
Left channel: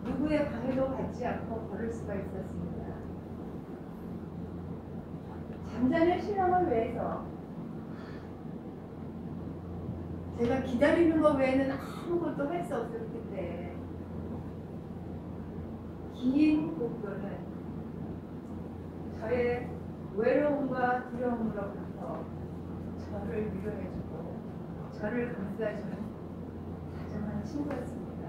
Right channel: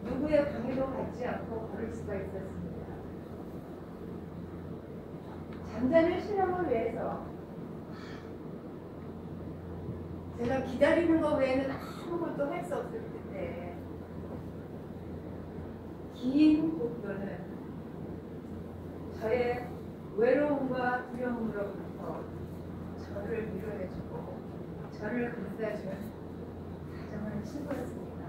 누구의 방해도 받지 않고 걸을 수가 있었습니다. 잠자는 신랑을 위해서 제가 기다리는 것 외에는 아무것도 할 수 없을 텐데 긴 복도는 저의 외로움과 두려움으로부터 저를 위로해주고 저를 감싸주는 다정한 친구였습니다.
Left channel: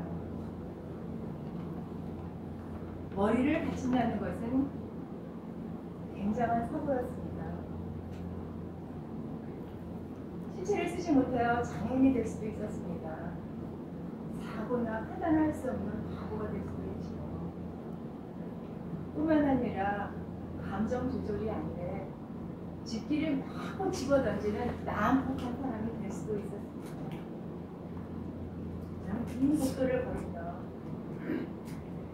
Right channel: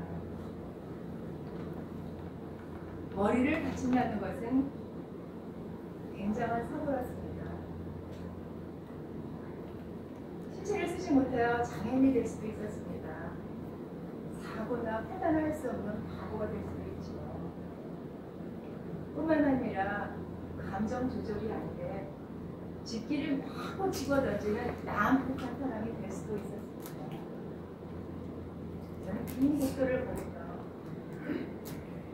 머리를 다친다는 것은 굉장한 사고였습니다. 신체를 쓰지 못하여 장애인이 될 수도 있었습니다. 사고나 판단할 수 없는 바보가 될 수도 있지요. 뿐만 아니라 감정 조절이 안 돼 집기를 마구 집어던지는 난폭한 사람이 될 수도 있었습니다. 저는 긴 복도를 걸으며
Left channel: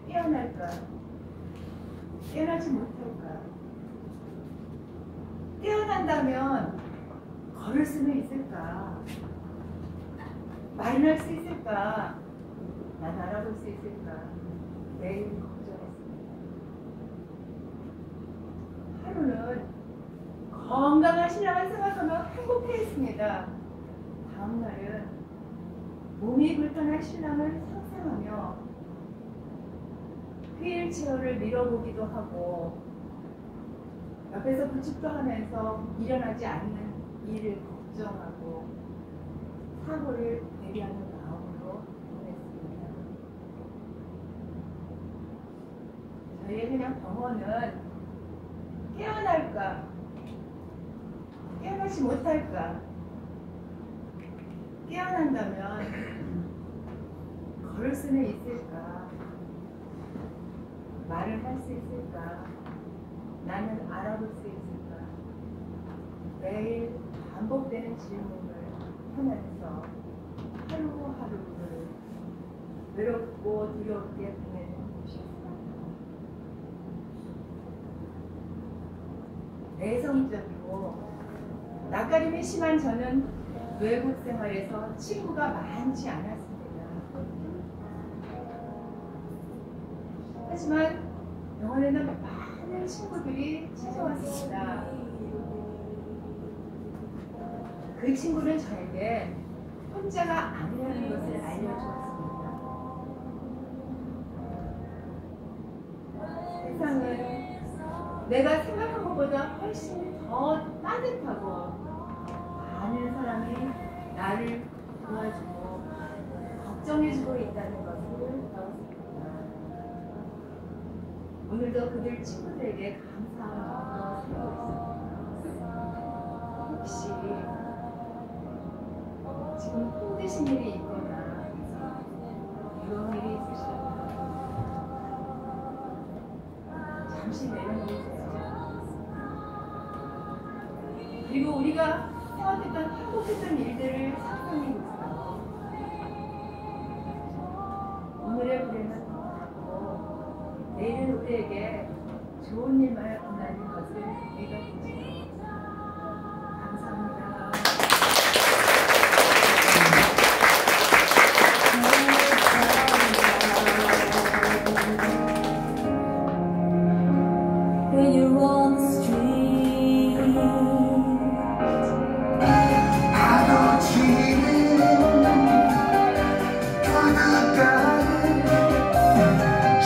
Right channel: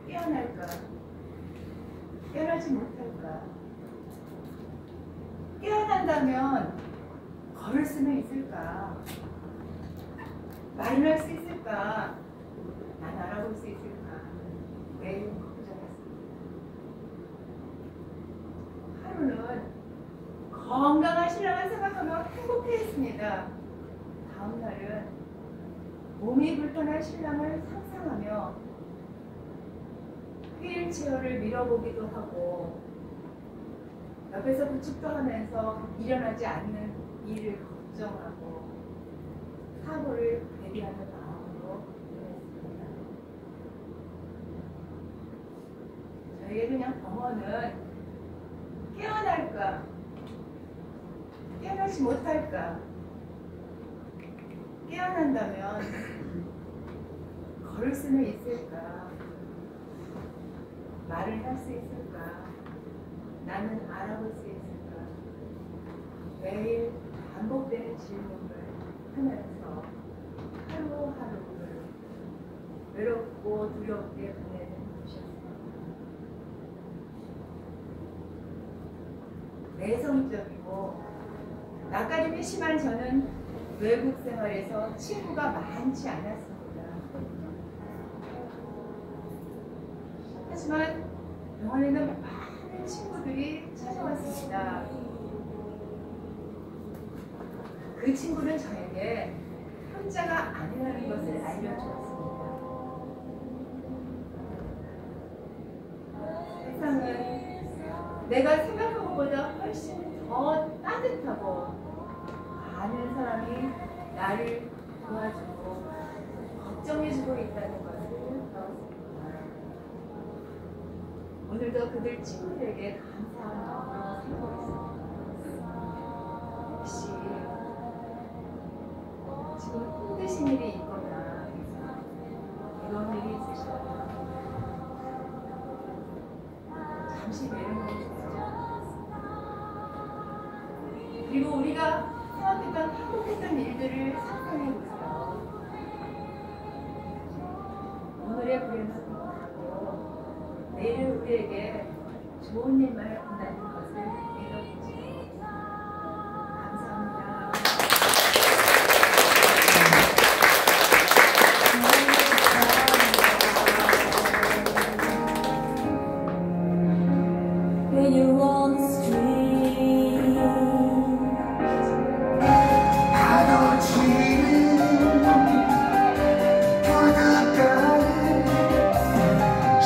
깨어날까? 깨어나지 못할까? 깨어난다면 걸을 수는 있을까? 말을 할 수 있을까? 난 알아볼 수 있을까? 매일 걱정했습니다. 하루는 건강한 신랑을 생각하며 행복해했습니다. 다음 날은 몸이 불편한 신랑을 상상하며 휠체어를 밀어보기도 하고 옆에서 부축도 하면서 일어나지 않는 일을 걱정하고 사고를 대비하는 마음으로 보냈습니다. 저희의 그냥 병원은 깨어날까? 깨어나지 못할까? 깨어난다면 걸을 수는 있을까? 말을 할 수 있을까? 나는 알아볼 수 있을까? 매일 반복되는 질문을 하면서 하루하루를 외롭고 두렵게 보내는 곳이었습니다. 내성적이고 낯가림이 심한 저는 외국 생활에서 친구가 많지 않았습니다. 하지만 병원에는 많은 친구들이 찾아왔습니다. 그 친구는 저에게 혼자가 아니라는 것을 알려주었습니다. 세상은 내가 생각한 것보다 훨씬 더 따뜻하고 많은 사람이 나를 도와주고 걱정해주고 있다는 것을 배웠습니다. 오늘도 그들 친구들에게 감사한 마음으로 살고 있습니다. 혹시 지금 힘드신 일이 있거나 이런 일이 있으시다면 잠시 내려놓으세요. 그리고 우리가 생각했던 행복했던 일들을 상상해보세요. 오늘의 불행은 행복하고 내일은 우리에게 좋은 일만 온다는 것을 믿어보세요. 감사합니다. When you're on the street, 파도치는 부둣가를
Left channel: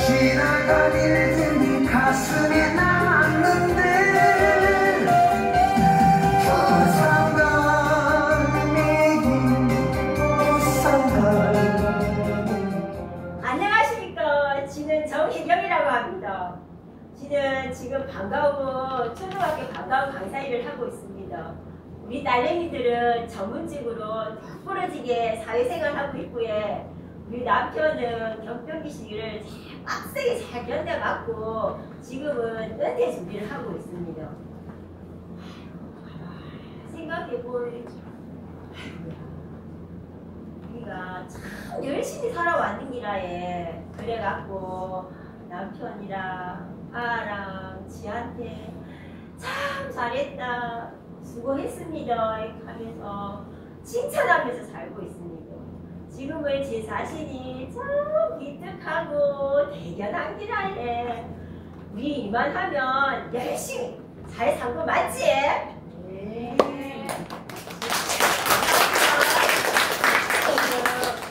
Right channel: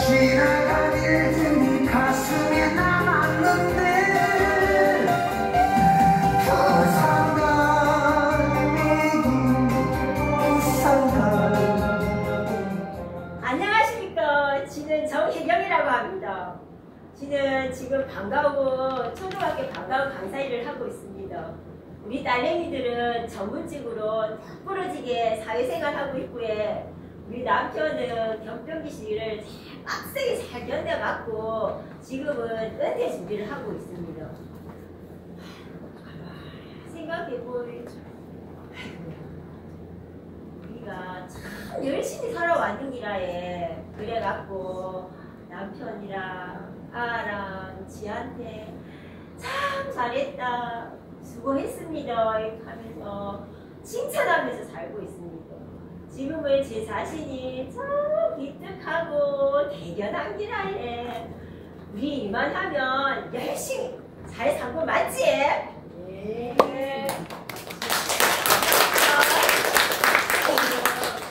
지나간 일들이 가슴에 남았는데 안녕하십니까. 지는 정혜경이라고 합니다. 지는 지금 방과후 초등학교 방과후 강사 일을 하고 있습니다. 우리 딸내미들은 전문직으로 부러지게 사회생활하고 있고요. 우리 남편은 경병기 시기를 잘 빡세게 잘 견뎌갖고 지금은 은퇴 준비를 하고 있습니다. 생각해보니 우리가 참 열심히 살아왔는 기라에 그래갖고 남편이랑 아랑 지한테 참 잘했다 수고했습니다 이렇게 하면서 칭찬하면서 살고 있습니다. 지금은 제 자신이 참 기특하고 대견한 기라에 우리 이만하면 열심히 잘 산 거 맞지? 네.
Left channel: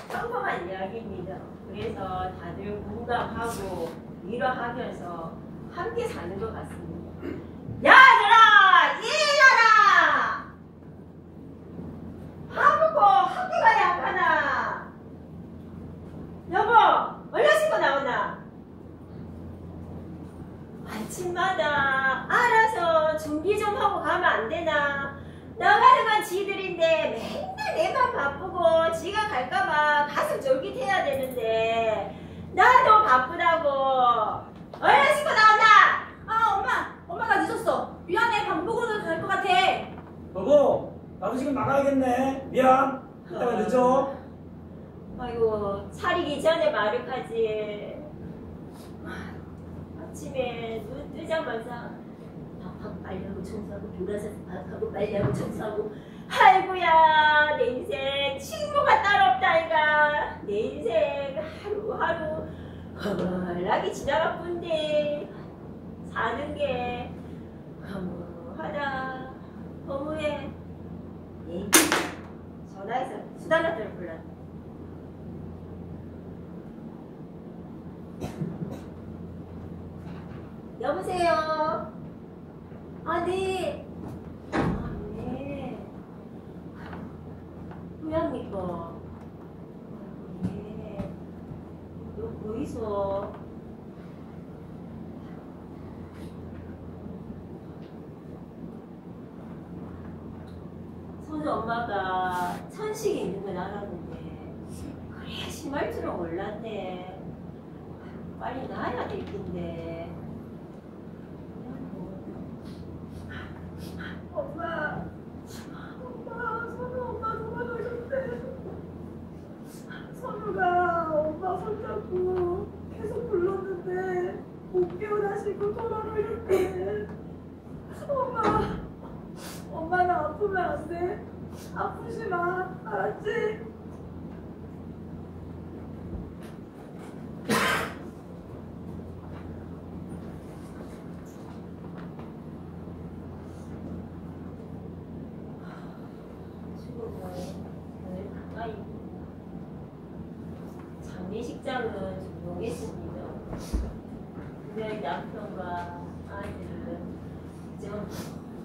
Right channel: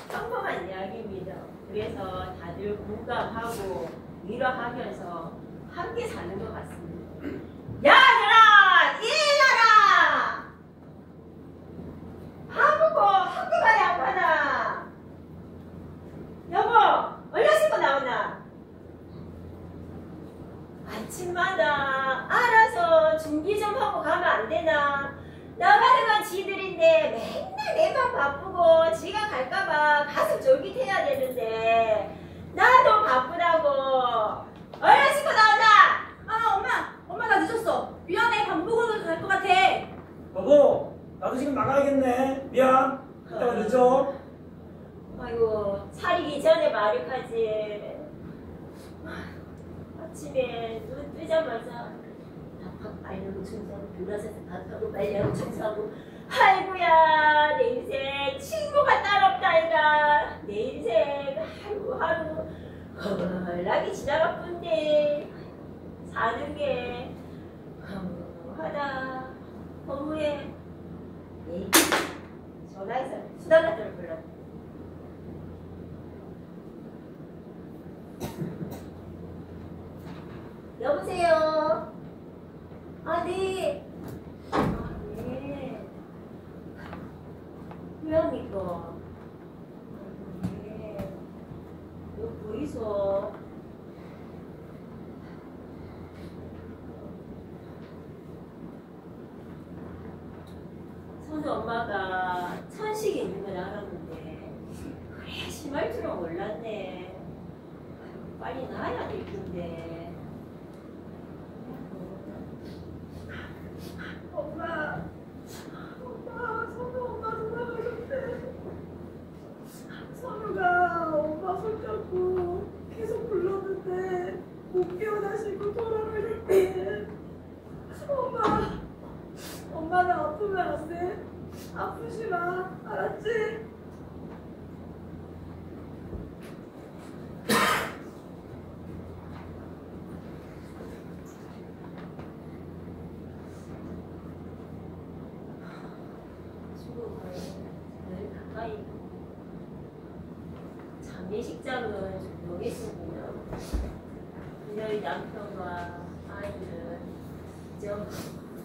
평범한 이야기입니다. 그래서 다들 공감하고 위로하면서 함께 사는 것 같습니다. 야들아, 일어나라! 밥 먹고 학교 가야 안 가나? 여보, 얼른 씻고 나오나? 아침마다 알아서 준비 좀 하고 가면 안 되나? 나가는 건 지들인데 맨날 내만 바쁘고 지가 갈까봐 가슴 쫄깃해야 되는데 나도 바쁘다고. 얼른 씻고 나온다. 아, 엄마 나 늦었어. 미안해. 밥 먹어도 될 것 같아. 여보, 나도 지금 나가야겠네. 미안. 이따가 늦어. 아이고, 차리기 전에 말을 하지. 아침에 눈 뜨자마자 밥하고 빨래하고 청소하고 돌아서서 밥하고 빨래하고 청소하고. 아이고야, 내 인생 친구가 따로 없다 이가. 내 인생 하루하루 허벌나게 지나갈 뿐데 사는 게 허무하다, 허무해. 에이, 전화해서 수달라들을 불렀다. 여보세요? 아, 네. 아, 네. 왜합니까? 아, 네. 너 보이소? 선우 엄마가 천식이 있는 건 알았는데 그래 심할 줄은 몰랐네. 빨리 나아야 될 텐데. 엄마, 선우 엄마 돌아가셨대. 선우가 엄마 손잡고 계속 불렀는데 못 깨어나시고 돌아가셨대. 엄마는 아프면 안 돼. 아프지 마, 알았지? 장례식장은 조용했습니다. 오늘 남편과 아이들은 좀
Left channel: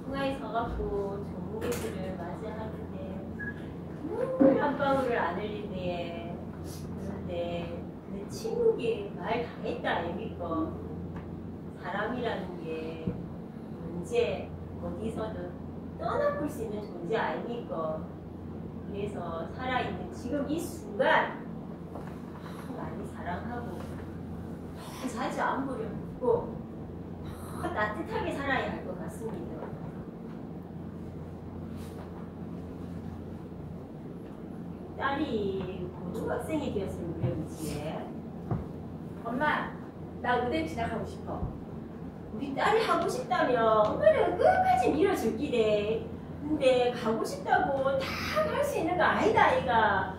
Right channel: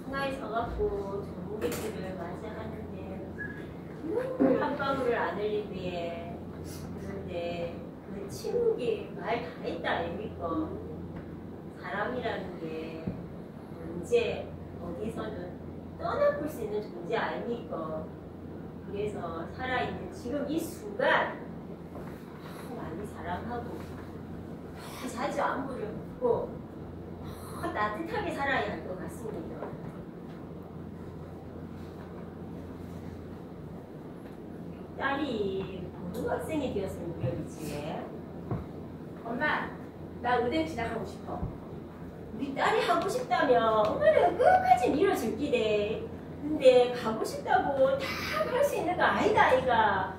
통화에 서갖고 조문객들을 맞이하는데 눈물 한 방울을 안 흘리네. 그런데 그 침묵이 말 다 했다 아닙니까? 사람이라는 게 언제 어디서든 떠나볼 수 있는 존재 아닙니까? 그래서 살아있는 지금 이 순간 많이 사랑하고 자주 안부를 묻고 따뜻하게 살아야 할 것 같습니다. 딸이 고등학생이 되었을 무렵이지. 엄마, 나 의대 진학하고 싶어. 우리 딸이 하고 싶다면 엄마는 끝까지 밀어줄 기대. 근데 가고 싶다고 다 할 수 있는 거 아니다 아이가.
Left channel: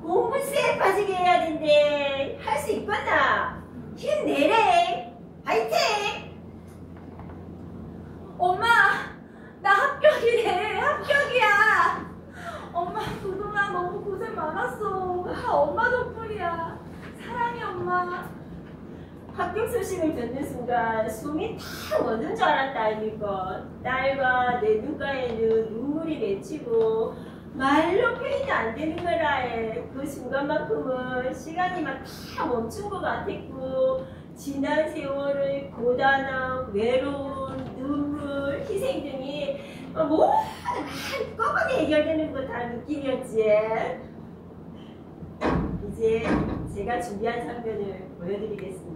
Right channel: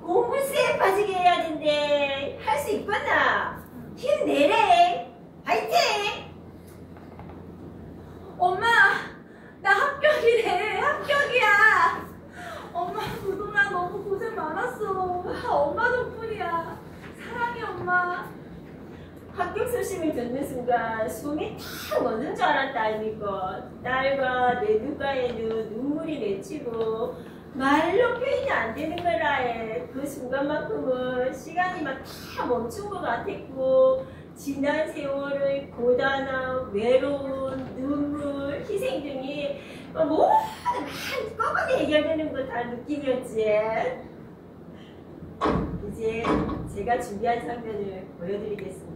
공부 쎄 빠지게 해야 된대. 할 수 있겠나? 힘내래. 화이팅! 엄마, 나 합격이래. 합격이야. 엄마, 그동안 너무 고생 많았어. 다 엄마 덕분이야. 사랑해, 엄마. 합격 소식을 듣는 순간 숨이 탁 멎는 줄 알았다 아닙니까? 딸과 내 눈가에는 눈물이 맺히고 말로 표현이 안 되는 거라 해. 그 순간만큼은 시간이만 다 멈춘 것 같았고 지난 세월의 고단함, 외로움, 눈물, 희생 등이 모두 한꺼번에 해결되는 거 다 느낌이었지. 이제 제가 준비한 장면을 보여드리겠습니다.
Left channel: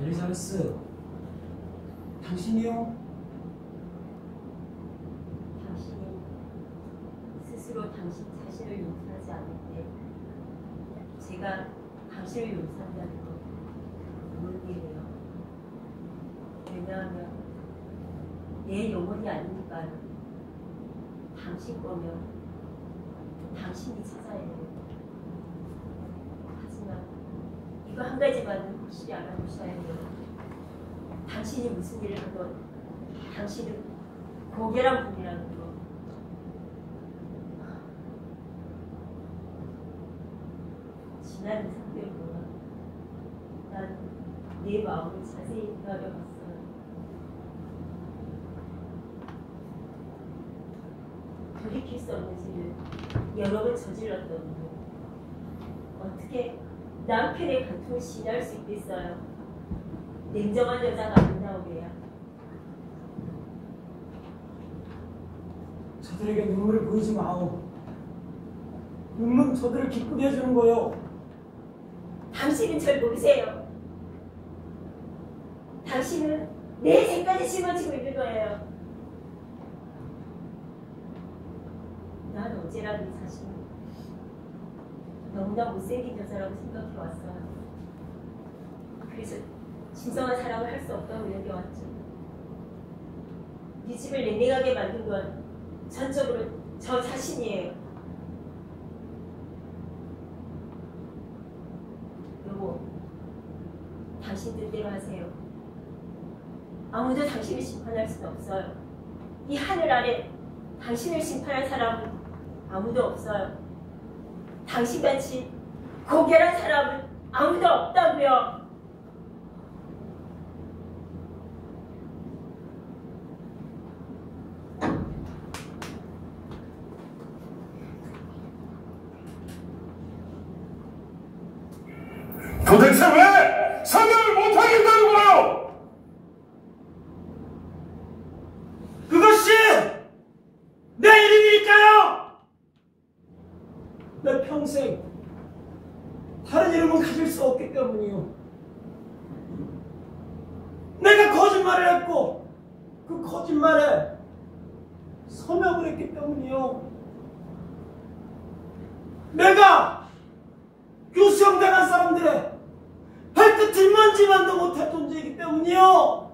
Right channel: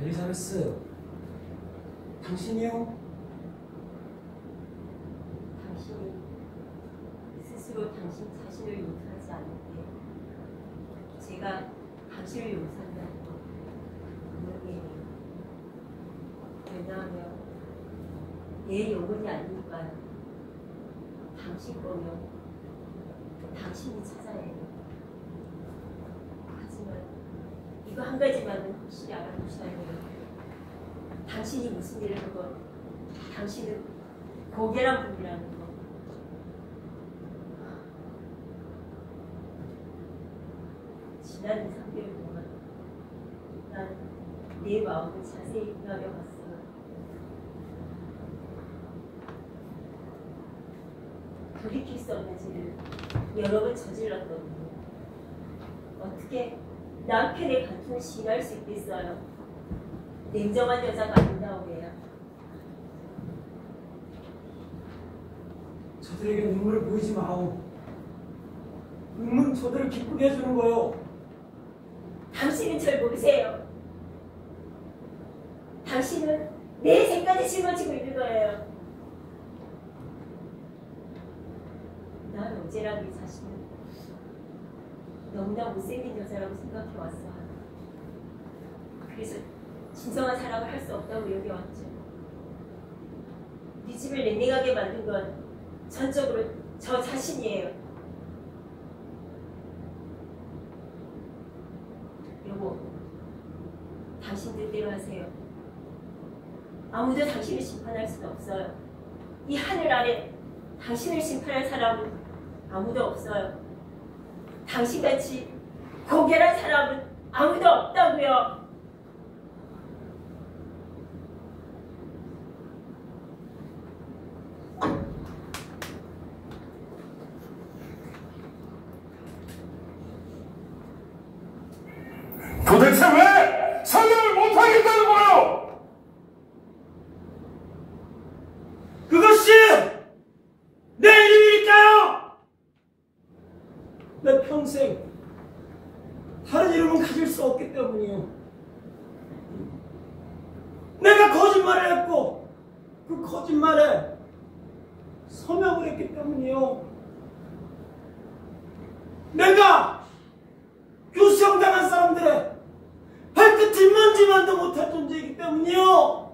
엘리자베스, 당신이요? 당신이 스스로 당신 자신을 용서하지 않을 때 제가 당신을 용서한다는 것 얘기해요. 왜냐하면 내 영혼이 아니니까요. 당신 거면 당신이 찾아야 해요. 하지만 이거 한 가지만은 확실히 알아두셔야 해요. 당신이 무슨 일을 하건 당신은 고계란 분이라는 거. 지난 3개월 동안 난 내 마음을 자세히 기다려봤어요. 돌이킬 수 없는 죄를 여러 번 저질렀던 어떻게 남편의 간통을 시인할 수 있겠어요? 냉정한 여자가 아닌다고 해야. 저들에게 눈물을 보이지 마오. 눈물은 저들을 기쁘게 해주는 거요. 당신은 절 모르세요. 당신은 내 죄까지 짊어지고 있는 거예요. 난 어제라도 이 자신을 너무나 못생긴 여자라고 생각해왔어요. 그래서 진정한 사랑을 할 수 없다고 여겨왔죠. 네 집을 냉랭하게 만든 건 전적으로 저 자신이에요. 여보, 당신 뜻대로 하세요. 아무도 당신을 심판할 수는 없어요. 이 하늘 아래 당신을 심판할 사람은 아무도 없어요. 당신같이 고결한 사람은 아무도 없다고요. 도대체 왜 설명을 못하겠다는 거예요? 그것이 내 이름이니까요. 내 평생 다른 이름은 가질 수 없기 때문이요. 내가 거짓말을 했고 그 거짓말에 서명을 했기 때문이요. 내가 교수형당한 사람들의 발끝 만지만도 못할 존재이기 때문이요.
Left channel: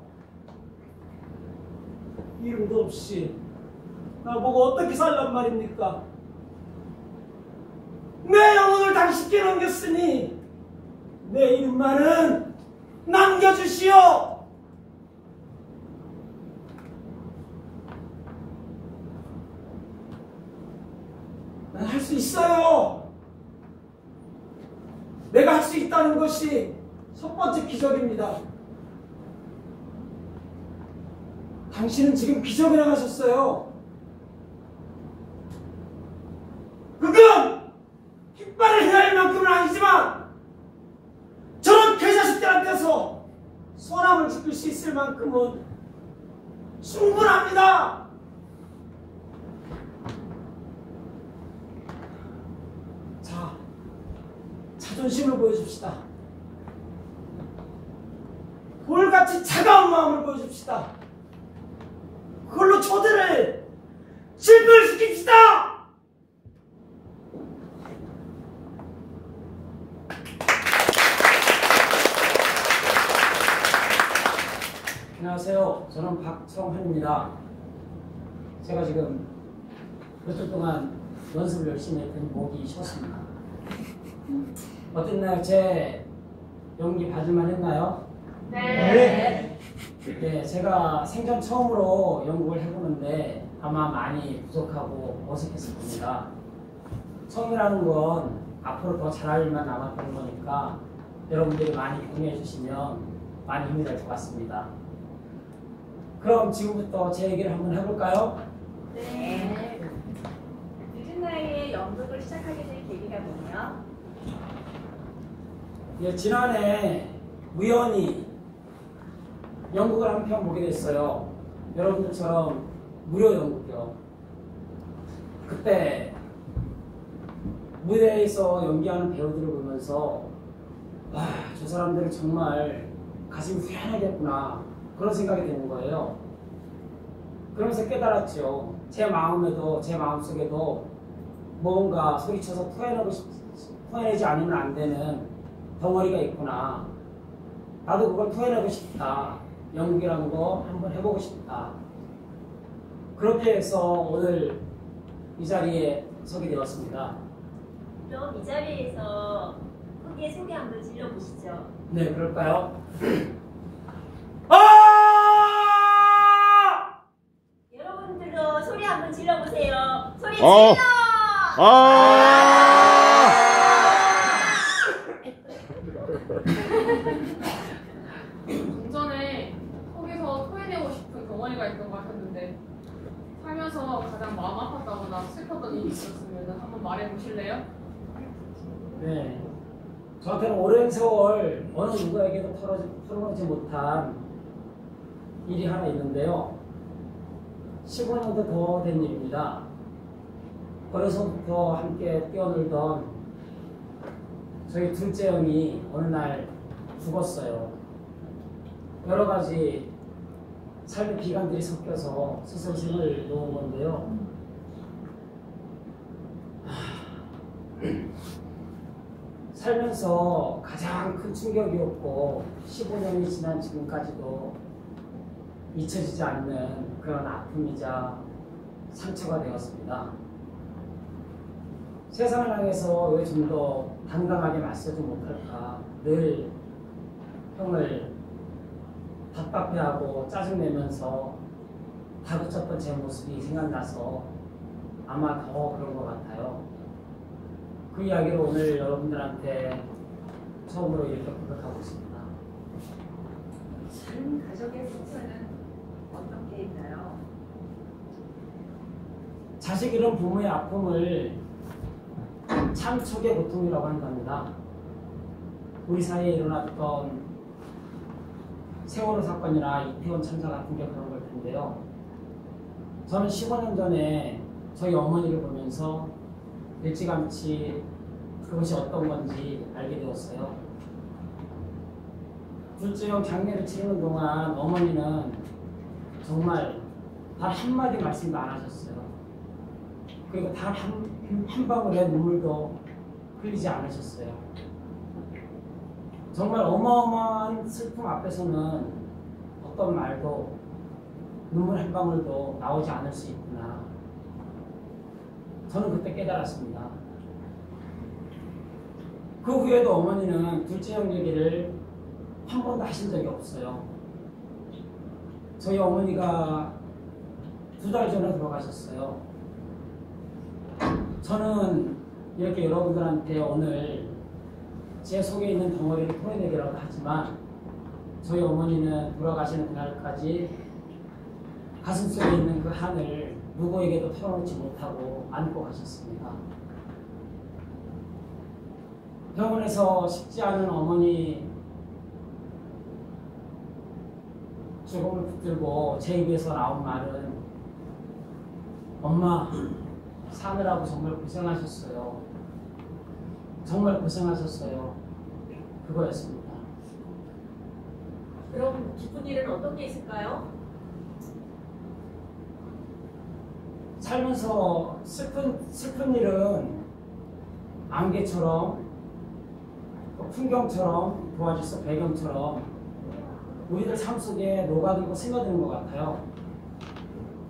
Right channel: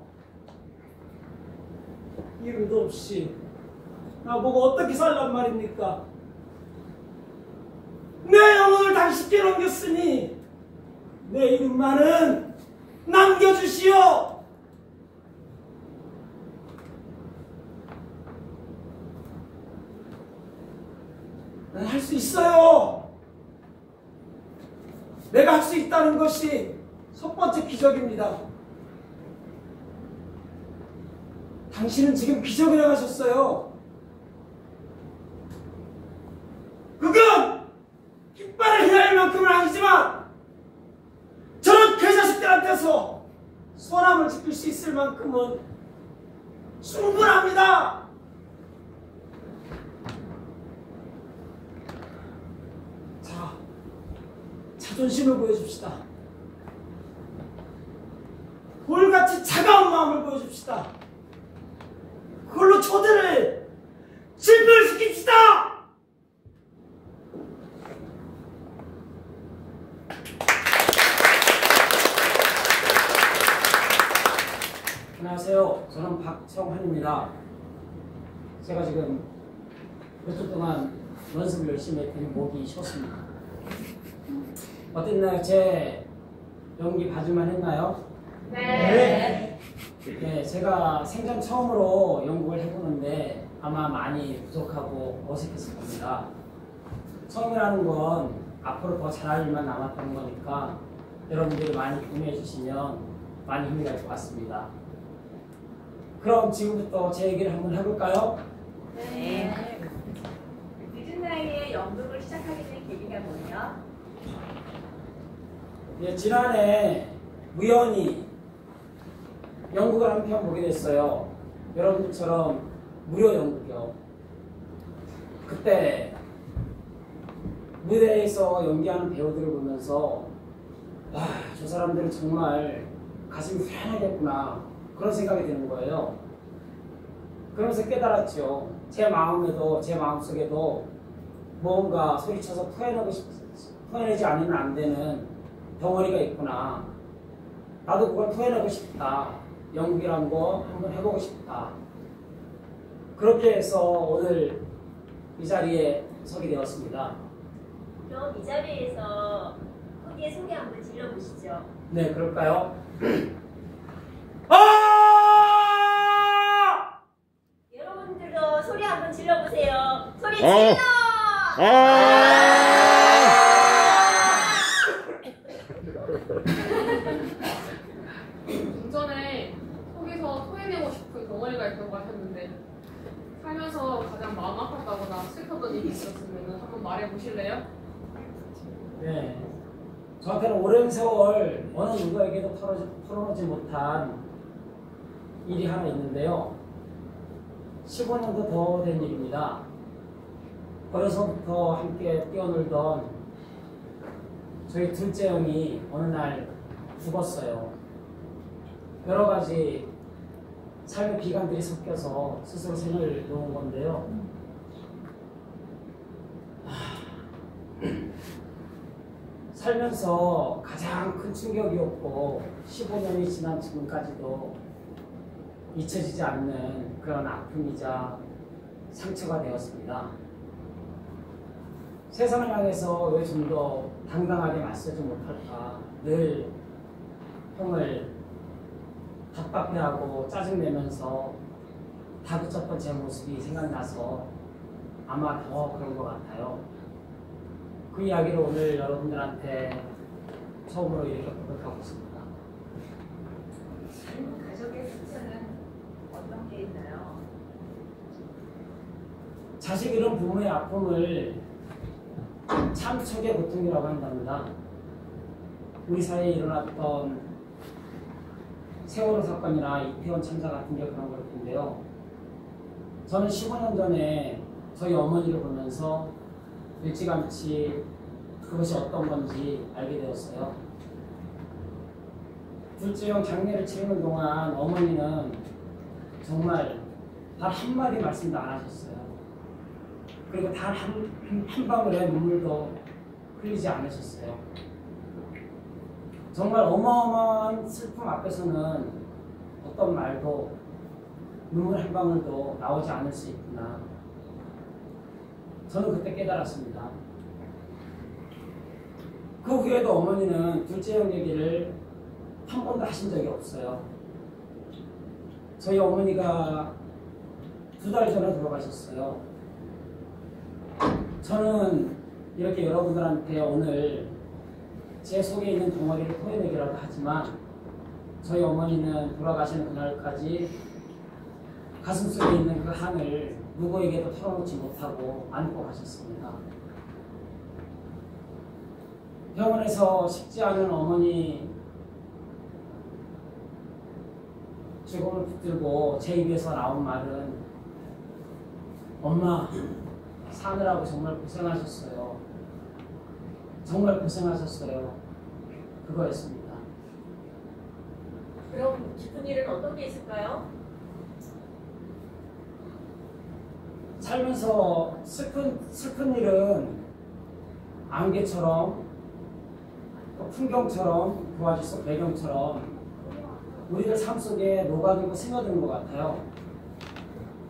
이름도 없이 나보고 어떻게 살란 말입니까? 내 영혼을 당신께 넘겼으니 내 이름만은 남겨주시오. 난 할 수 있어요. 내가 할 수 있다는 것이 첫 번째 기적입니다. 당신은 지금 기적을 하셨어요. 그건 깃발을 휘날릴 만큼은 아니지만 저런 개자식들한테서 선함을 지킬 수 있을 만큼은 충분합니다. 자, 자존심을 보여줍시다. 돌같이 차가운 마음을 보여줍시다. 그걸로 저들을 진멸시킵시다. 안녕하세요. 저는 박성환입니다. 제가 지금 몇 주 동안 연습을 열심히 했더니 목이 쉬었습니다. 어땠나요? 제 연기 봐줄만 했나요? 네. 네, 제가 생전 처음으로 연극을 해보는데 아마 많이 부족하고 어색했을 겁니다. 처음이라는 건 앞으로 더 잘할 일만 남았던 거니까 여러분들이 많이 공유해 주시면 많이 힘이 될 것 같습니다. 그럼 지금부터 제 얘기를 한번 해볼까요? 네. 늦은 나이에 연극을 시작하게 된 계기가 뭐예요? 예, 지난해 우연히 연극을 한 편 보게 됐어요. 여러분들처럼 무료 연극이요. 그때 무대에서 연기하는 배우들을 보면서 와, 저 사람들은 정말 가슴이 후련하겠구나 그런 생각이 드는 거예요. 그러면서 깨달았죠. 제 마음에도 제 마음속에도 뭔가 소리쳐서 토해내지 않으면 안 되는 덩어리가 있구나. 나도 그걸 토해내고 싶다. 연극이라는 거 한번 해보고 싶다. 그렇게 해서 오늘 이 자리에 서게 되었습니다. 그럼 이 자리에서 크게 소리 한번 질러보시죠. 네, 그럴까요? 여러분들도 소리 한번 질러보세요. 소리 어. 질러! 좀 전에 속에서 토해내고 싶은 덩어리가 있다고 하셨는데 살면서 가장 마음 아팠다거나 슬펐던 일이 있었으면 한번 말해보실래요? 네. 저한테는 오랜 세월 어느 누구에게도 털어놓지 못한 일이 하나 있는데요. 15년도 더 된 일입니다. 어려서부터 함께 뛰어놀던 저희 둘째 형이 어느 날 죽었어요. 여러 가지 삶의 비관들이 섞여서 스스로 생을 놓은 건데요. 살면서 가장 큰 충격이었고 15년이 지난 지금까지도 잊혀지지 않는 그런 아픔이자 상처가 되었습니다. 세상을 향해서 왜 좀 더 당당하게 맞서지 못할까, 늘 형을 답답해하고 짜증내면서 다그쳤던 제 모습이 생각나서 아마 더 그런 것 같아요. 그 이야기를 오늘 여러분들한테 처음으로 이렇게 고백하고 있습니다. 다른 가족의 상처는 어떤 게 있나요? 자식 잃은 부모의 아픔을 참척의 고통이라고 한답니다. 우리 사이에 일어났던 세월호 사건이나 이태원 참사 같은 게 그런 걸 텐데요. 저는 15년 전에 저희 어머니를 보면서 일찌감치 그것이 어떤 건지 알게 되었어요. 둘째 형 장례를 치르는 동안 어머니는 정말 단 한마디 말씀도 안 하셨어요. 그리고 단 한 방울의 눈물도 흘리지 않으셨어요. 정말 어마어마한 슬픔 앞에서는 어떤 말도 눈물 한 방울도 나오지 않을 수 있구나. 저는 그때 깨달았습니다. 그 후에도 어머니는 둘째 형 얘기를 한 번도 하신 적이 없어요. 저희 어머니가 2달 전에 돌아가셨어요. 저는 이렇게 여러분들한테 오늘 제 속에 있는 덩어리를 토해내기라도 하지만 저희 어머니는 돌아가시는 그날까지 가슴속에 있는 그 한을 누구에게도 털어놓지 못하고 안고 가셨습니다. 병원에서 쉽지 않은 어머니 죽음을 붙들고 제 입에서 나온 말은 엄마 사느라고 정말 고생하셨어요. 정말 고생하셨어요. 그거였습니다. 그럼 기쁜 일은 어떤 게 있을까요? 살면서 슬픈 일은 안개처럼 또 풍경처럼 도와줄 수 배경처럼 우리들 삶 속에 녹아들고 스며드는 것 같아요.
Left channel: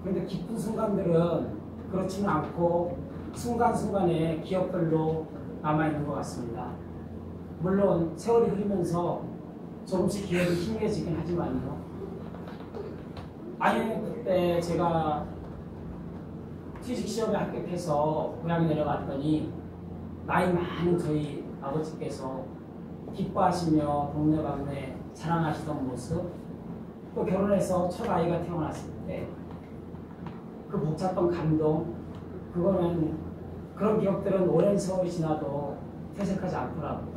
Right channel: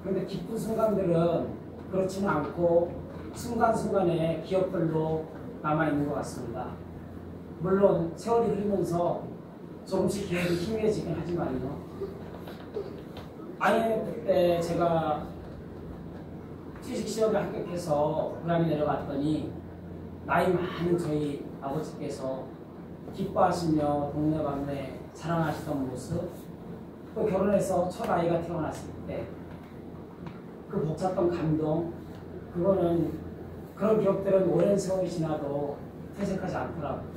그런데 기쁜 순간들은 그렇지는 않고 순간순간의 기억들로 남아있는 것 같습니다. 물론 세월이 흐르면서 조금씩 기억이 희미해지긴 하지만요. 아예 그때 제가 취직시험에 합격해서 고향에 내려갔더니 나이 많은 저희 아버지께서 기뻐하시며 동네방네 자랑하시던 모습, 또 결혼해서 첫 아이가 태어났을 때 그 벅찼던 감동, 그거는 그런 기억들은 오랜 세월이 지나도 퇴색하지 않더라고요.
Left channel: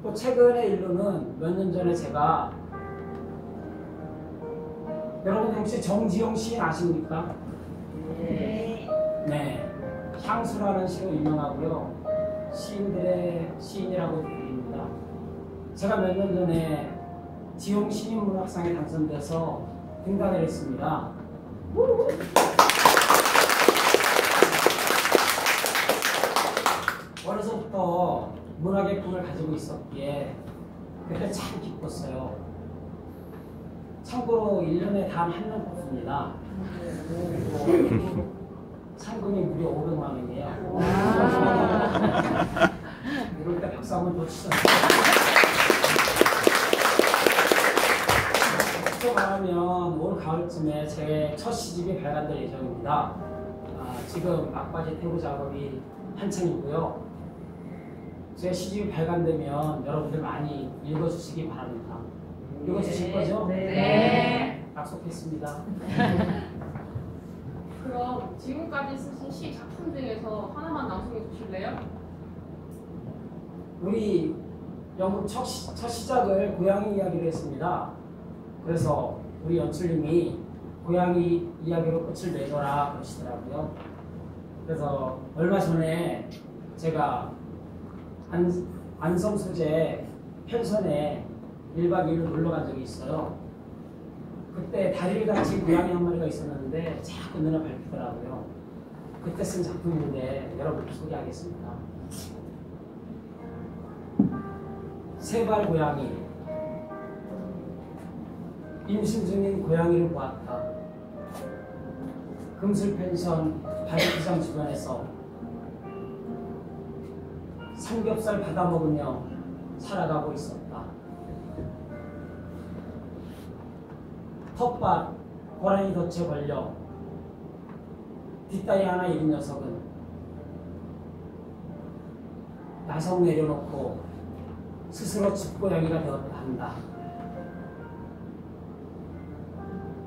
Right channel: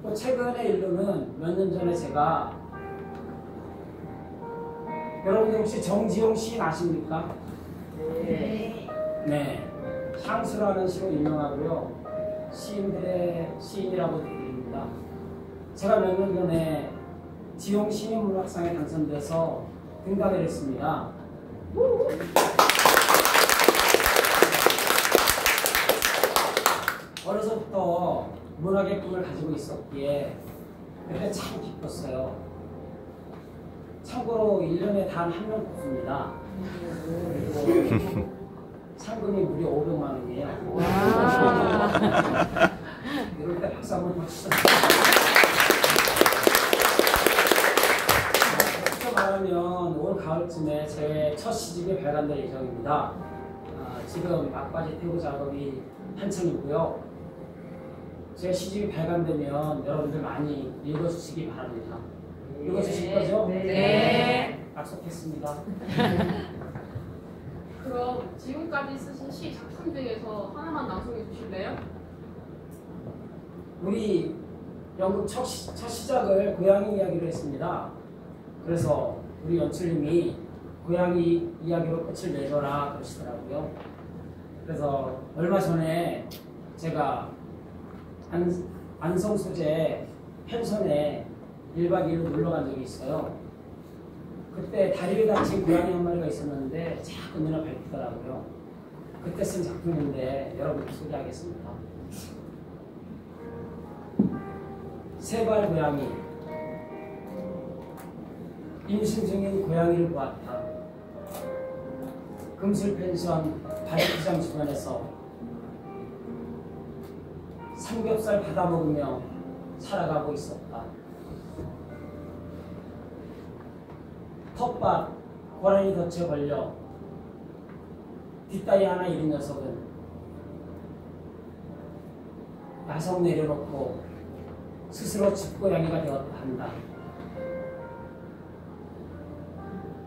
또 최근의 일로는 몇 년 전에 제가, 여러분들 혹시 정지용 시인 아십니까? 네. 네, 향수라는 시로 유명하고요. 시인들의 시인이라고 불립니다. 제가 몇 년 전에 지용 시인문학상에 당선돼서 등단을 했습니다. 어려서부터 문학의 꿈을 가지고 있었기에 그때 참 기뻤어요. 참고로 1년에 단 한 명 뽑습니다. 그리고 상금이 무려 500만 원이에요. 이럴 때 박수 한번 더 치셨어요. 솔직히 말하면 올 가을쯤에 제 첫 시집이 발간될 예정입니다. 지금 막바지 태고 작업이 한창이고요. 제 시집이 발간되면 여러분들 많이 읽어주시기 바랍니다. 읽어주실 거죠? 네. 약속했습니다. 그럼 지금까지 쓰신 시 작품 중에서 하나만 낭송해 주실래요? 우리 연극 첫 시작을 고양이 이야기로 했습니다. 그래서 우리 연출님이 고양이 이야기로 끝을 맺어라 그러시더라고요. 그래서 얼마 전에 제가 안성 소재 펜션에 1박 2일로 놀러 간 적이 있어요. 그때 다리를 다친 고양이 한 마리가 있었는데 자꾸 눈에 밟히더라고요. 그때 쓴 작품인데 여러분께 소개하겠습니다. 세발 고양이. 임신 중인 고양이를 보았다. 금술 펜션 바베큐장 주변에서 삼겹살 받아 먹으며 살아가고 있었다. 텃밭 고라니 덫에 걸려 뒷다리 하나 잃은 녀석은 야성 내려놓고 스스로 집고양이가 되었다 한다.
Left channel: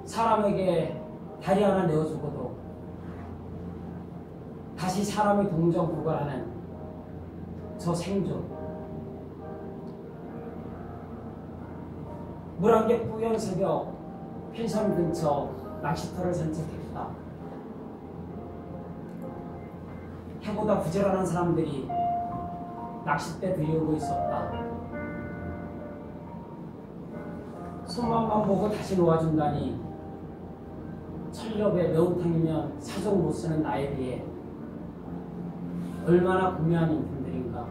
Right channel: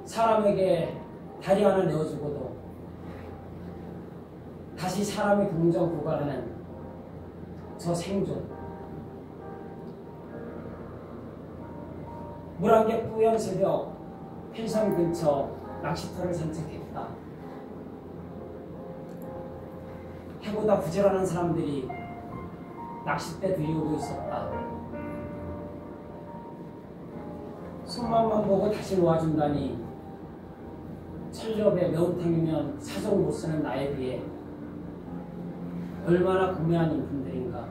사람에게 다리 하나 내어주고도 다시 사람의 동정 부과하는 저 생존. 물안개 뿌연 새벽 펜션 근처 낚시터를 산책했다. 해보다 부지런한 사람들이 낚싯대 들이우고 있었다. 손맛만 보고 다시 놓아준다니 철렵에 매운탕이면 사정 못 쓰는 나에 비해 얼마나 구매한 인품들인가.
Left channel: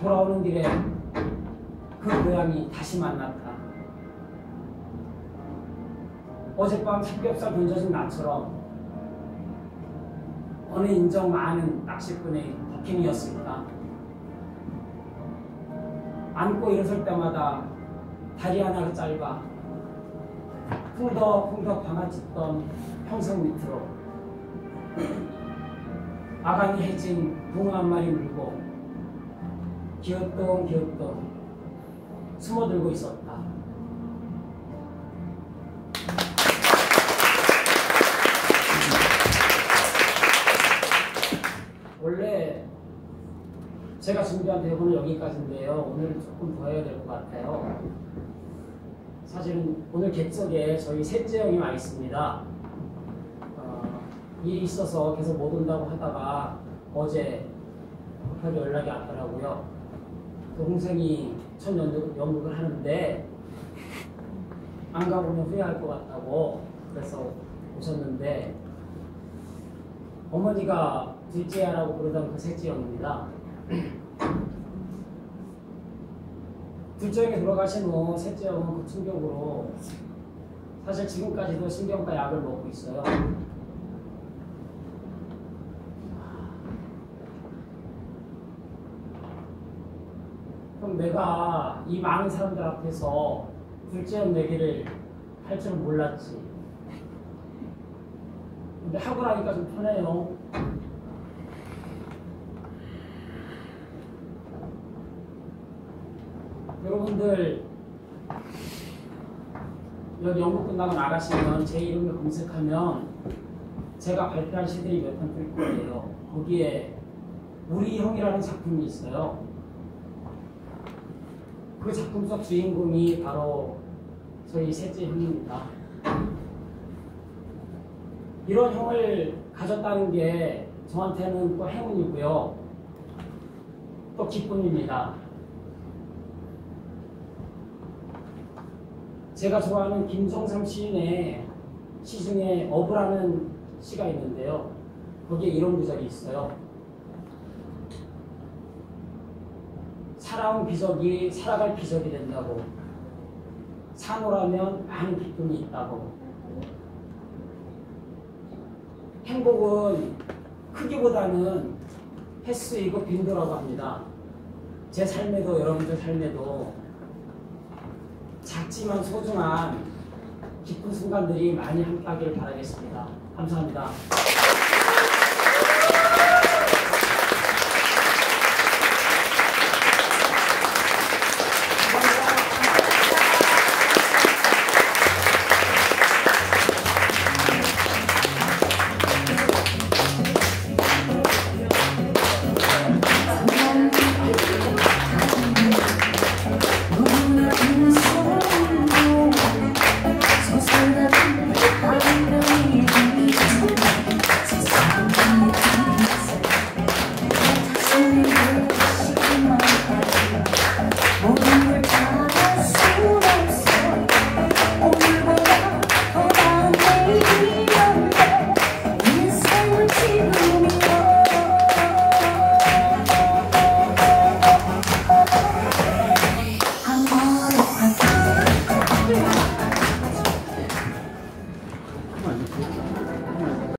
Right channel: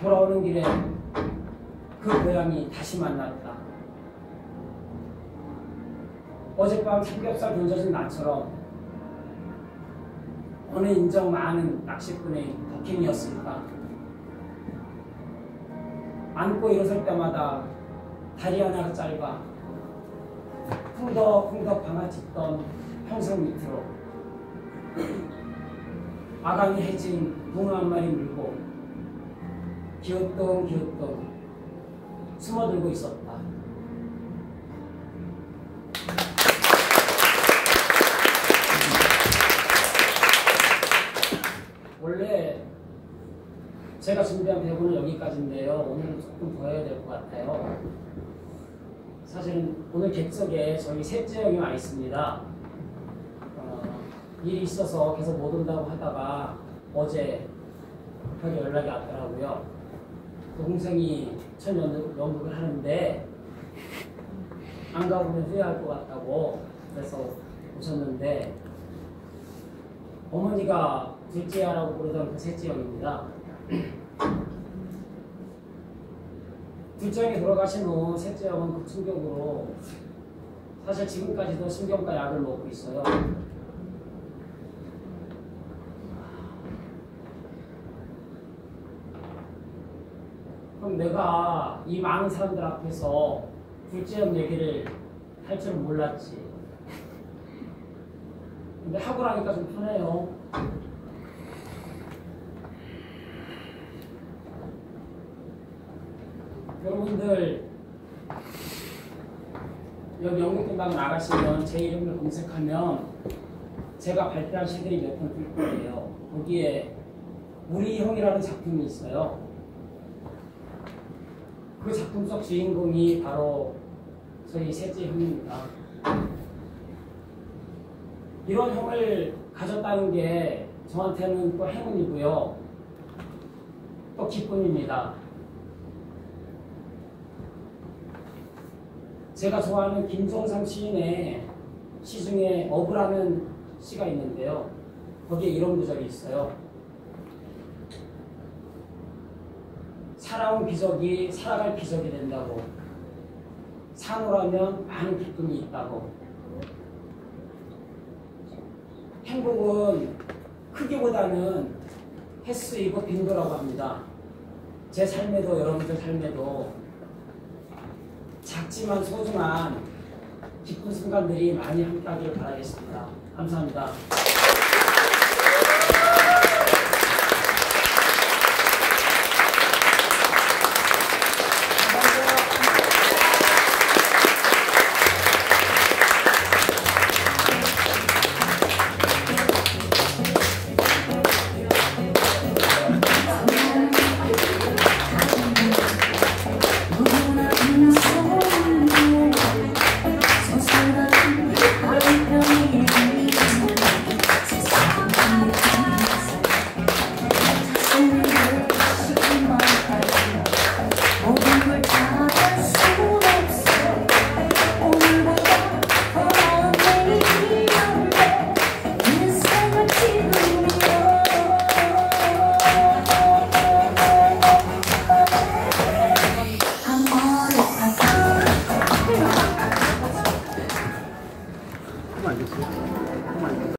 돌아오는 길에 그 고양이 다시 만났다. 어젯밤 삼겹살 던져진 나처럼 어느 인정 많은 낚시꾼의 덕행이었을까. 앉고 일어설 때마다 다리 하나가 짧아 풍덕풍덕 방아짓던 평성 밑으로 아가미 해진 붕어 한 마리 물고 기어똥 숨어들고 있었다. 원래 제가 준비한 대본은 여기까지인데요. 오늘은 조금 더 해야 될 것 같아요. 사실은 오늘 객석에 저희 셋째 형이 와 있습니다. 일이 있어서 계속 못 온다고 하다가 어제 급하게 연락이 왔더라고요. 동생이 첫 연극을 하는데 안 가보면 후회할 것 같다고 그래서 오셨는데 어머니가 둘째야라고 부르던 그 셋째 형입니다. 둘째 형이 돌아가신 후 셋째 형은 그 충격으로 사실 지금까지도 신경과 약을 먹고 있어요. 그럼 내가 이 많은 사람들 앞에서 둘째 형 얘기를 할 줄 몰랐지. 근데 하고 나니까 좀 편해요. 여러분들 여기 연극 끝나고 나가시면 제 이름을 검색하면 제가 발표한 시들이 몇 편 뜰 거예요. 거기에 우리 형이라는 작품이 있어요. 그 작품 속 주인공이 바로 저희 셋째 형입니다. 이런 형을 가졌다는 게 저한테는 또 행운이고요. 또 기쁨입니다. 제가 좋아하는 김종삼 시인의 시 중에 어부라는 시가 있는데요. 거기에 이런 구절이 있어요. 살아온 기적이 살아갈 기적이 된다고. 산호라면 많은 기쁨이 있다고. 행복은 크기보다는 횟수이고 빈도라고 합니다. 제 삶에도 여러분들 삶에도 작지만 소중한 기쁜 순간들이 많이 함께하기를 바라겠습니다. 감사합니다.